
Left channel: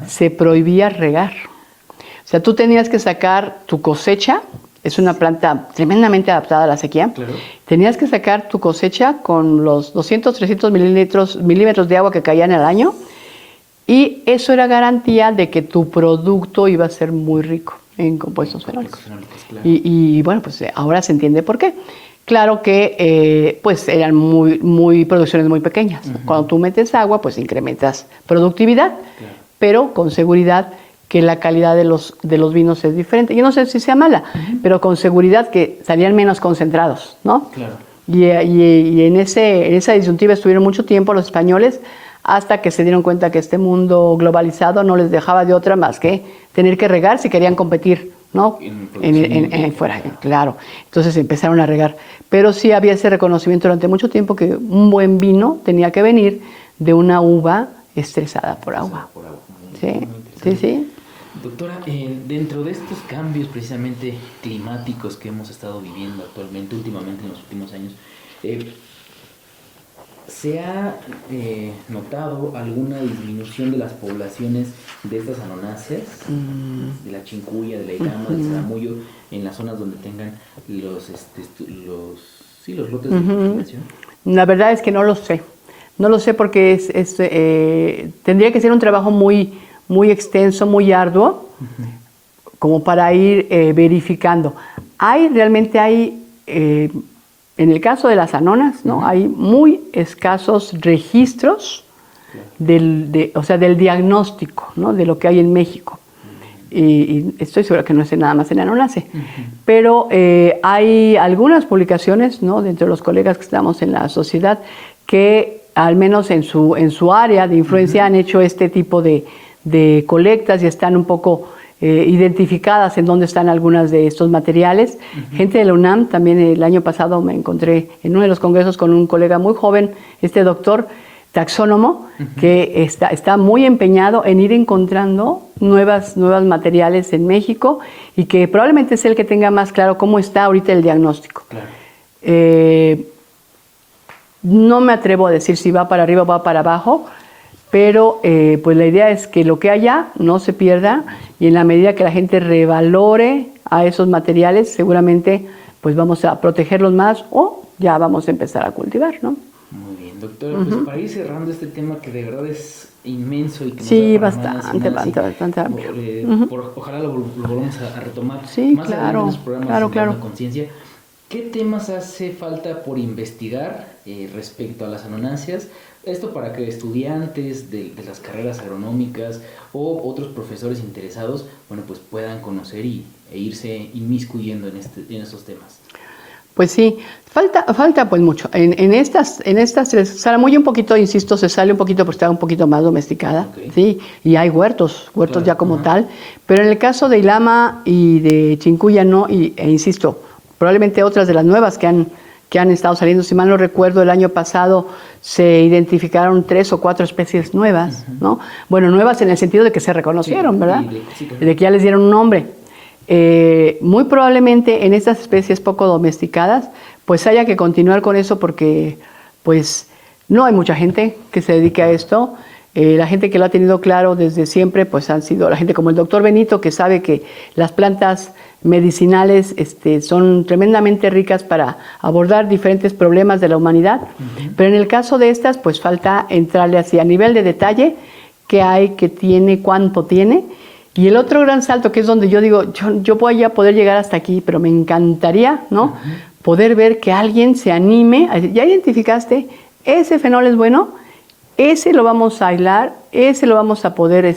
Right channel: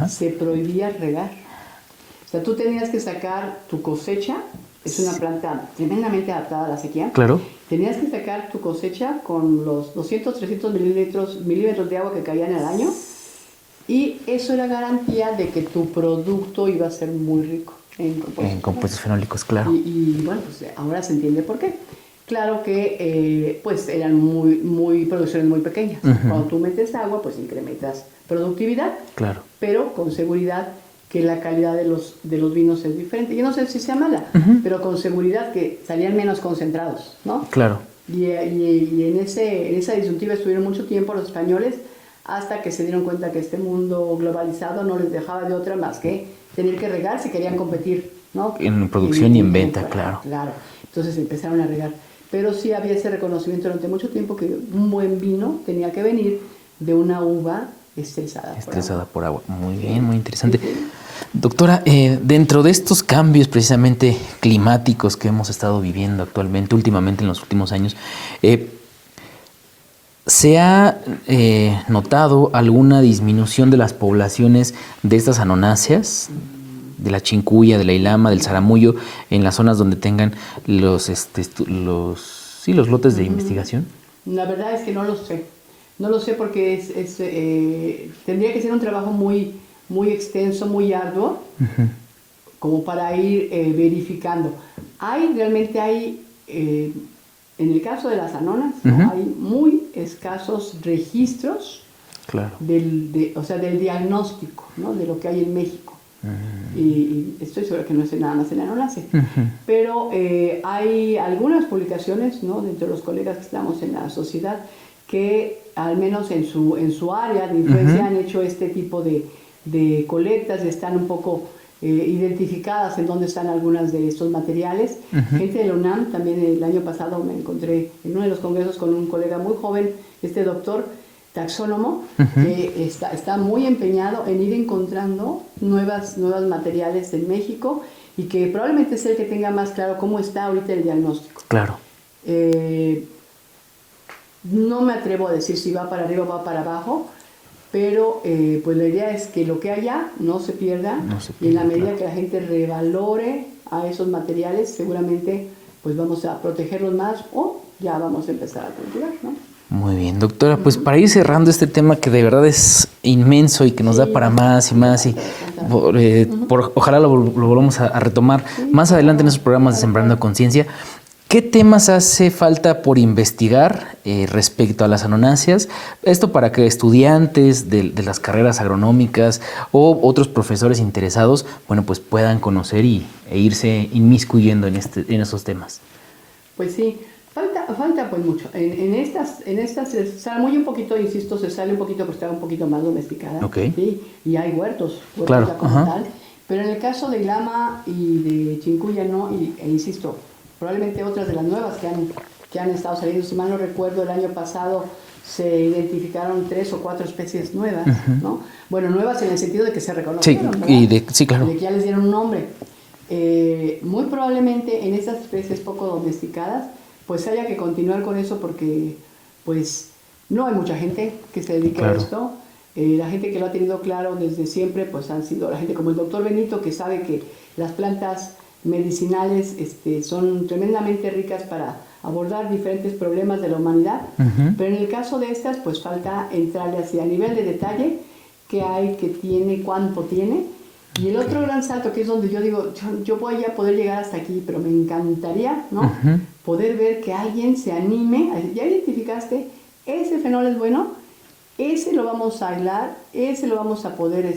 se prohibía regar. O sea, tú tenías que sacar tu cosecha. Es una planta tremendamente adaptada a la sequía. Claro. Tenías que sacar tu cosecha con los 200, 300 milímetros de agua que caían al año y eso era garantía de que tu producto iba a ser muy rico en compuestos fenólicos. Claro. Y bueno, pues ahora se entiende por qué. Claro que pues eran muy producciones muy pequeñas. Cuando tú metes agua, pues incrementas productividad. Claro. Pero con seguridad que la calidad de los vinos es diferente. Yo no sé si sea mala, pero con seguridad que salían menos concentrados, ¿no? Claro. Y en esa disyuntiva estuvieron mucho tiempo los españoles hasta que se dieron cuenta que este mundo globalizado no les dejaba de otra más que tener que regar si querían competir, ¿no? En producción y en venta, fuera, claro. Entonces empezaron a regar. Pero sí había ese reconocimiento durante mucho tiempo que un buen vino tenía que venir de una uva estresada por agua. Muy bien, muy interesante. Sí. Doctora, dentro de estos cambios precisamente climáticos que hemos estado viviendo actualmente, últimamente en los últimos años, ¿se ha notado alguna disminución de las poblaciones de estas anonáceas, de la chincuya, de la ilama, del zaramullo, en las zonas donde tengan los los lotes de investigación? La verdad es que no lo sé. No lo sé porque tendría que ser un trabajo muy, muy extenso, muy arduo, como para ir verificando. Realmente hay, en el caso de las anonas, ¿no? Hay muy escasos registros del diagnóstico, ¿no? De lo que hay en México. Y estoy segura que no es nada más en Anonace. Pero hay algunas publicaciones, ¿no? Dentro de los colegas que estamos en la sociedad que al menos en su área de influencia han hecho este tipo de colectas y están un poco identificadas en dónde están algunas de estos materiales. Gente de la UNAM, también el año pasado me encontré en uno de los congresos con un colega muy joven, doctor taxónomo, que está muy empeñado en ir encontrando nuevos materiales en México y que probablemente es el que tenga más claro cómo está ahorita el diagnóstico. Claro. No me atrevo a decir si va para arriba o va para abajo, pero pues la idea es que lo que haya no se pierda y en la medida que la gente revalore a esos materiales, seguramente pues vamos a protegerlos más o ya vamos a empezar a cultivar, ¿no? Muy bien, doctora. Pues para ir cerrando este tema que de verdad es inmenso y que nos da para más y más. Ojalá lo volvamos a retomar más adelante en esos programas de Sembrando Conciencia. ¿Qué temas hace falta por investigar respecto a las anonáceas? Esto para que estudiantes de las carreras agronómicas o otros profesores interesados, bueno, pues puedan conocer e irse inmiscuyendo en esos temas. Pues sí, falta pues mucho. En estas se sale un poquito, insisto, se sale un poquito porque está un poquito más domesticada. Sí, y hay huertos claro, ya como tal. Pero en el caso de Ilama y de Chincuya no, e insisto, probablemente otras de las nuevas que han estado saliendo, si mal no recuerdo, el año pasado se identificaron 3 o 4 especies nuevas, ¿no? Bueno, nuevas en el sentido de que se reconocieron, ¿verdad? Claro. De que ya les dieron un nombre. Muy probablemente en estas especies poco domesticadas, pues haya que continuar con eso porque pues no hay mucha gente que se dedique a esto. La gente que lo ha tenido claro desde siempre, pues han sido la gente como el doctor Benito, que sabe que las plantas medicinales son tremendamente ricas para abordar diferentes problemas de la humanidad, pero en el caso de estas pues falta entrarle así a nivel de detalle, qué hay, qué tiene, cuánto tiene. Y el otro gran salto, que es donde yo digo, yo voy a poder llegar hasta aquí, pero me encantaría, ¿no? Poder ver que alguien se anime, ya identificaste, ese fenol es bueno, ese lo vamos a aislar, ese lo vamos a poder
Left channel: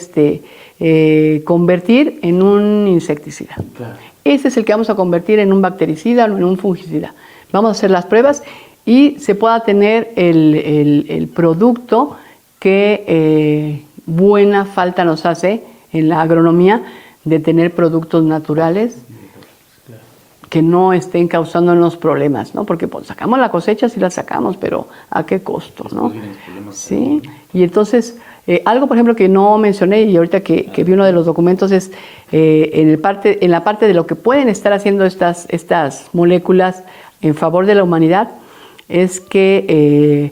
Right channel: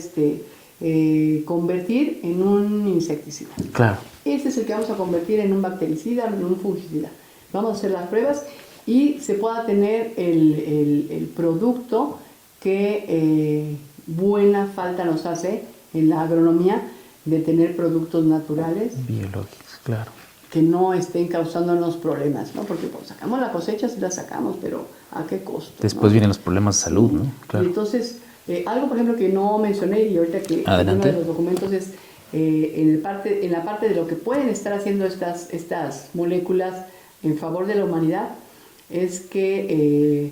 convertir en un insecticida. Claro. Ese es el que vamos a convertir en un bactericida o en un fungicida. Vamos a hacer las pruebas y se pueda tener el producto que buena falta nos hace en la agronomía de tener productos naturales biológicos, claro, que no estén causándonos problemas, ¿no? Porque pues, sacamos la cosecha, sí la sacamos, pero ¿a qué costo? Después ¿no? vienen los problemas de salud, ¿no? Claro. Y entonces, algo por ejemplo que no mencioné y ahorita que vi uno de los documentos es en la parte de lo que pueden estar haciendo estas moléculas en favor de la humanidad, es que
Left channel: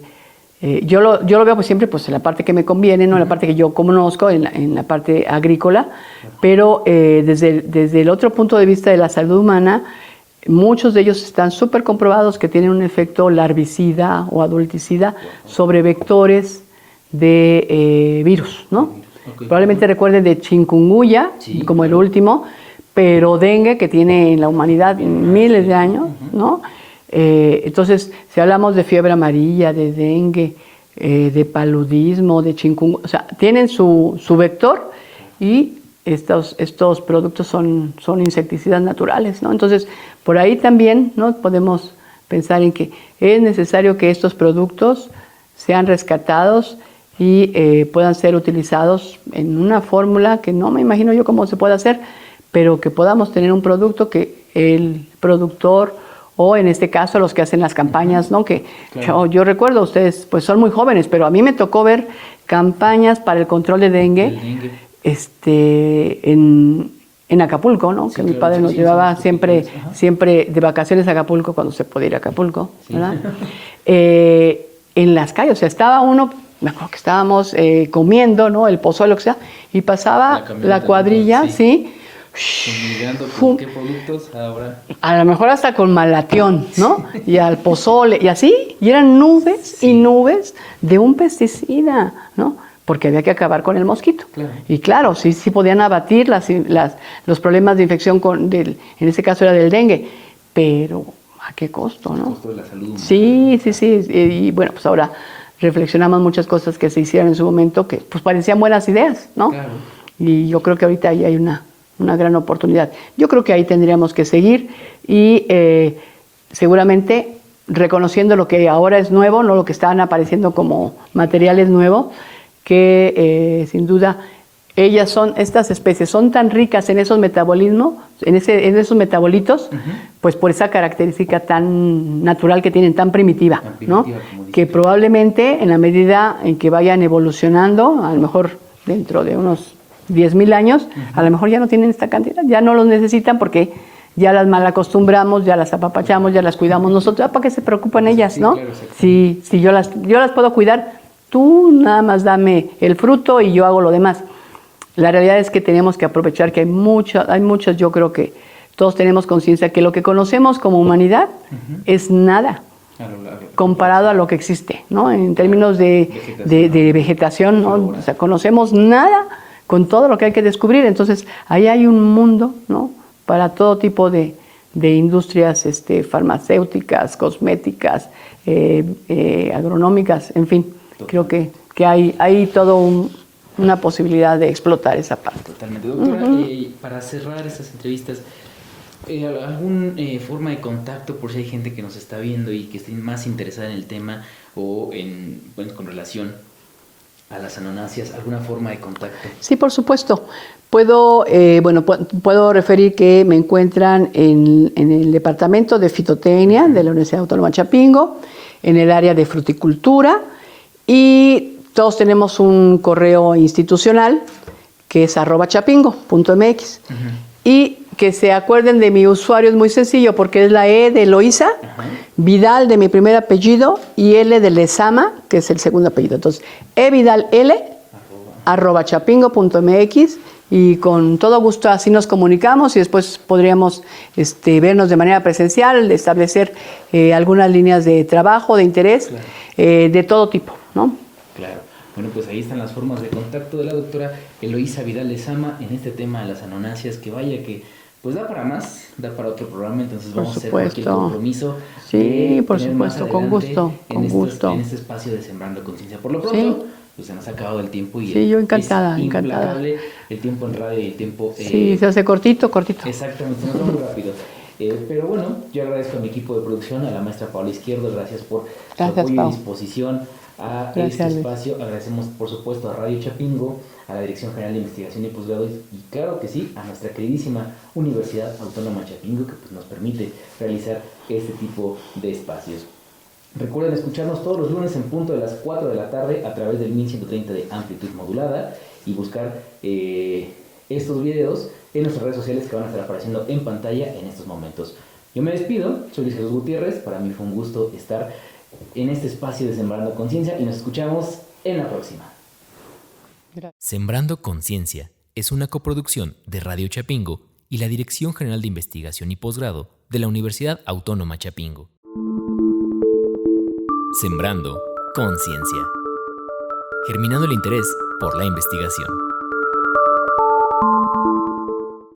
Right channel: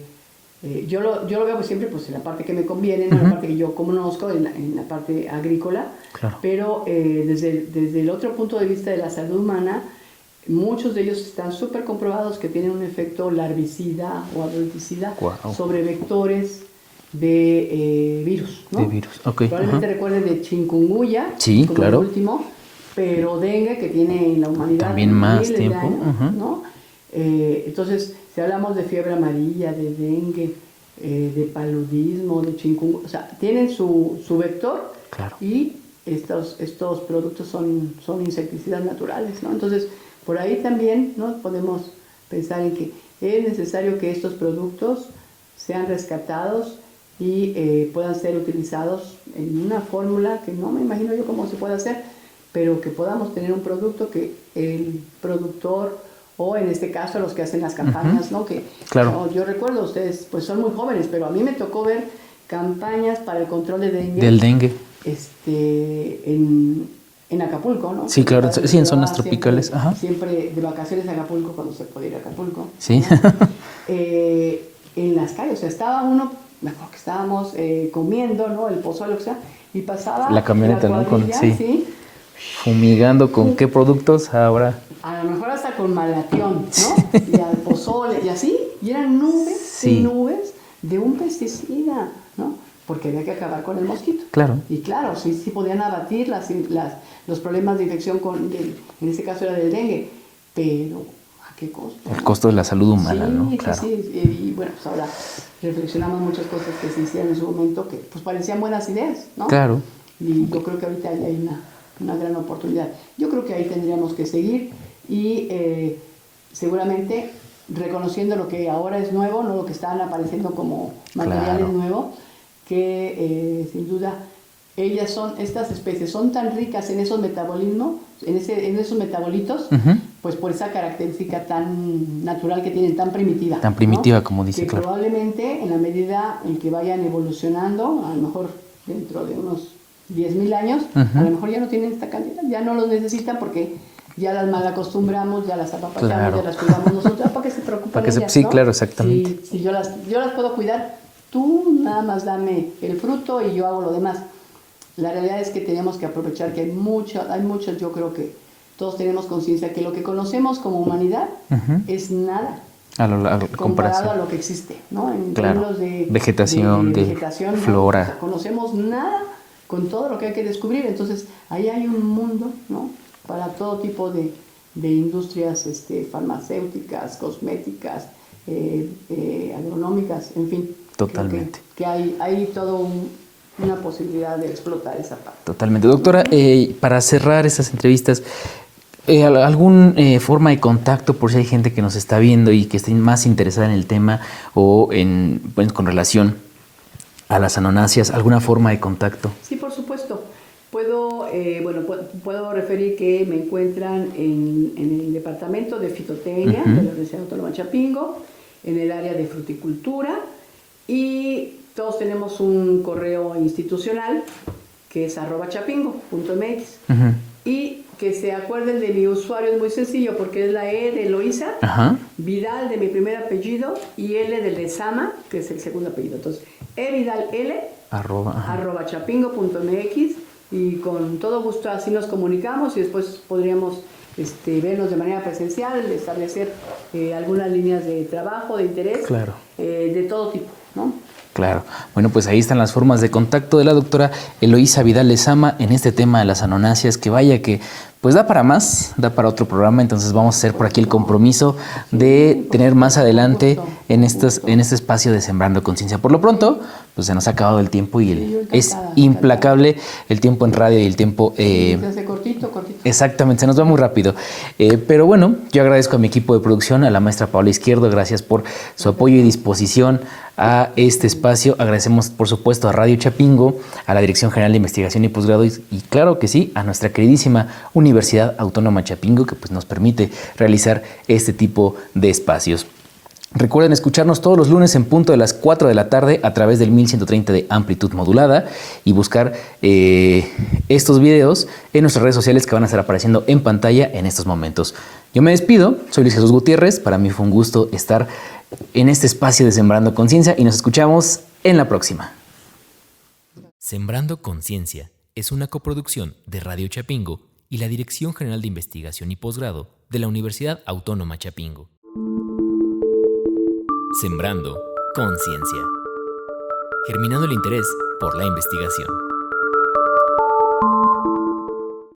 yo lo veo pues siempre pues en la parte que me conviene, no en la parte que yo conozco, en la parte agrícola, claro. Pero desde el otro punto de vista de la salud humana, muchos de ellos están súper comprobados que tienen un efecto larvicida o adulticida sobre vectores de virus, ¿no? De virus. Okay. Probablemente recuerden de chikungunya, como claro. El último, pero dengue, que tiene en la humanidad miles de años, ¿no? Entonces, si hablamos de fiebre amarilla, de dengue, de paludismo, de chikungunya, o sea, tienen su vector, claro. Y estos productos son insecticidas naturales, ¿no? Entonces, por ahí también, ¿no? Podemos pensar en que es necesario que estos productos sean rescatados y puedan ser utilizados en una fórmula que no me imagino yo cómo se puede hacer, pero que podamos tener un producto que el productor o en este caso los que hacen las campañas, ¿no? Que claro. yo recuerdo, ustedes pues son muy jóvenes, pero a mí me tocó ver campañas para el control de dengue. Del dengue. En Acapulco, ¿no? Sí, que claro. Mi padre nos llevaba siempre de vacaciones a Acapulco cuando se podía ir a Acapulco. Sí. En las calles, o sea, estaba uno, me acuerdo que estábamos comiendo, ¿no? El pozole, lo que sea, y pasaba la cuadrilla, sí, Fumigando con qué productos ahora. A lo mejor hasta con malatión, ¿no? Y al pozole, y así, y eran nubes y nubes de un pesticida, ¿no? Porque había que acabar con el mosquito. Claro. Y claro, sí podían abatir los problemas de infección en este caso era del dengue, pero ¿a qué costo? El ¿no? costo de la salud humana. Sí, ¿no? Claro. sí. Y bueno, pues ahora reflexionamos muchas cosas que se hicieron en su momento que pues parecían buenas ideas, ¿no? Claro. Y yo creo que ahorita ahí hay una gran oportunidad. Yo creo que ahí tendríamos que seguir y seguramente reconociendo lo que ahora es nuevo, no lo que están apareciendo como materiales nuevos, que sin duda estas especies son tan ricas en esos metabolismos, en esos metabolitos, pues por esa característica tan natural que tienen, tan primitiva. Tan primitiva, ¿no? como dice. Que probablemente en la medida en que vayan evolucionando, a lo mejor dentro de unos 10,000 años, a lo mejor ya no tienen esta cantidad, ya no los necesitan porque ya las mal acostumbramos, ya las apapachamos, ya las cuidamos nosotros. ¿Para qué se preocupan ellas? Sí, ¿no? claro, exactamente. Sí, yo las puedo cuidar, tú nada más dame el fruto y yo hago lo demás. La realidad es que tenemos que aprovechar que hay muchas, yo creo que todos tenemos conciencia que lo que conocemos como humanidad es nada. Comparado a lo que existe, ¿no? En términos de vegetación, ¿no? O sea, conocemos nada con todo lo que hay que descubrir. Entonces, ahí hay un mundo, ¿no? Para todo tipo de industrias farmacéuticas, cosméticas, agronómicas, en fin. Totalmente. Creo que hay todo una posibilidad de explotar esa parte. Totalmente. Doctora, para cerrar estas entrevistas, ¿alguna forma de contacto por si hay gente que nos está viendo y que esté más interesada en el tema o con relación a las anonáceas? ¿Alguna forma de contacto? Sí, por supuesto. Puedo referir que me encuentran en el departamento de fitotecnia de la Universidad Autónoma de Chapingo, en el área de fruticultura, y todos tenemos un correo institucional que es @chapingo.mx. Y que se acuerden de mi usuario, es muy sencillo porque es la E de Eloísa, Vidal de mi primer apellido y L de Lezama, que es el segundo apellido. Entonces, evidal L @chapingo.mx, y con todo gusto así nos comunicamos y después podríamos vernos de manera presencial, establecer algunas líneas de trabajo, de interés, de todo tipo, ¿no? Claro. Bueno, pues ahí están las formas de contacto de la doctora Eloísa Vidal Lezama en este tema de las anonáceas, que vaya que pues da para más, da para otro programa, entonces vamos a hacer por aquí el compromiso de tener más adelante en este espacio de Sembrando Conciencia. Por lo pronto, pues se nos ha acabado el tiempo y es implacable el tiempo en radio y el tiempo... se hace cortito. Exactamente, se nos va muy rápido. Pero bueno, yo agradezco a mi equipo de producción, a la maestra Paola Izquierdo, gracias por su apoyo y disposición a este espacio. Agradecemos, por supuesto, a Radio Chapingo, a la Dirección General de Investigación y Posgrado y claro que sí, a nuestra queridísima Universidad Autónoma Chapingo, que pues nos permite realizar este tipo de espacios. Recuerden escucharnos todos los lunes en punto de las 4 de la tarde a través del 1130 de amplitud modulada y buscar estos videos en nuestras redes sociales que van a estar apareciendo en pantalla en estos momentos. Yo me despido, soy Luis Jesús Gutiérrez, para mí fue un gusto estar en este espacio de Sembrando Conciencia y nos escuchamos en la próxima. Sembrando Conciencia es una coproducción de Radio Chapingo y la Dirección General de Investigación y Posgrado de la Universidad Autónoma Chapingo. Sembrando Conciencia. Germinando el interés por la investigación.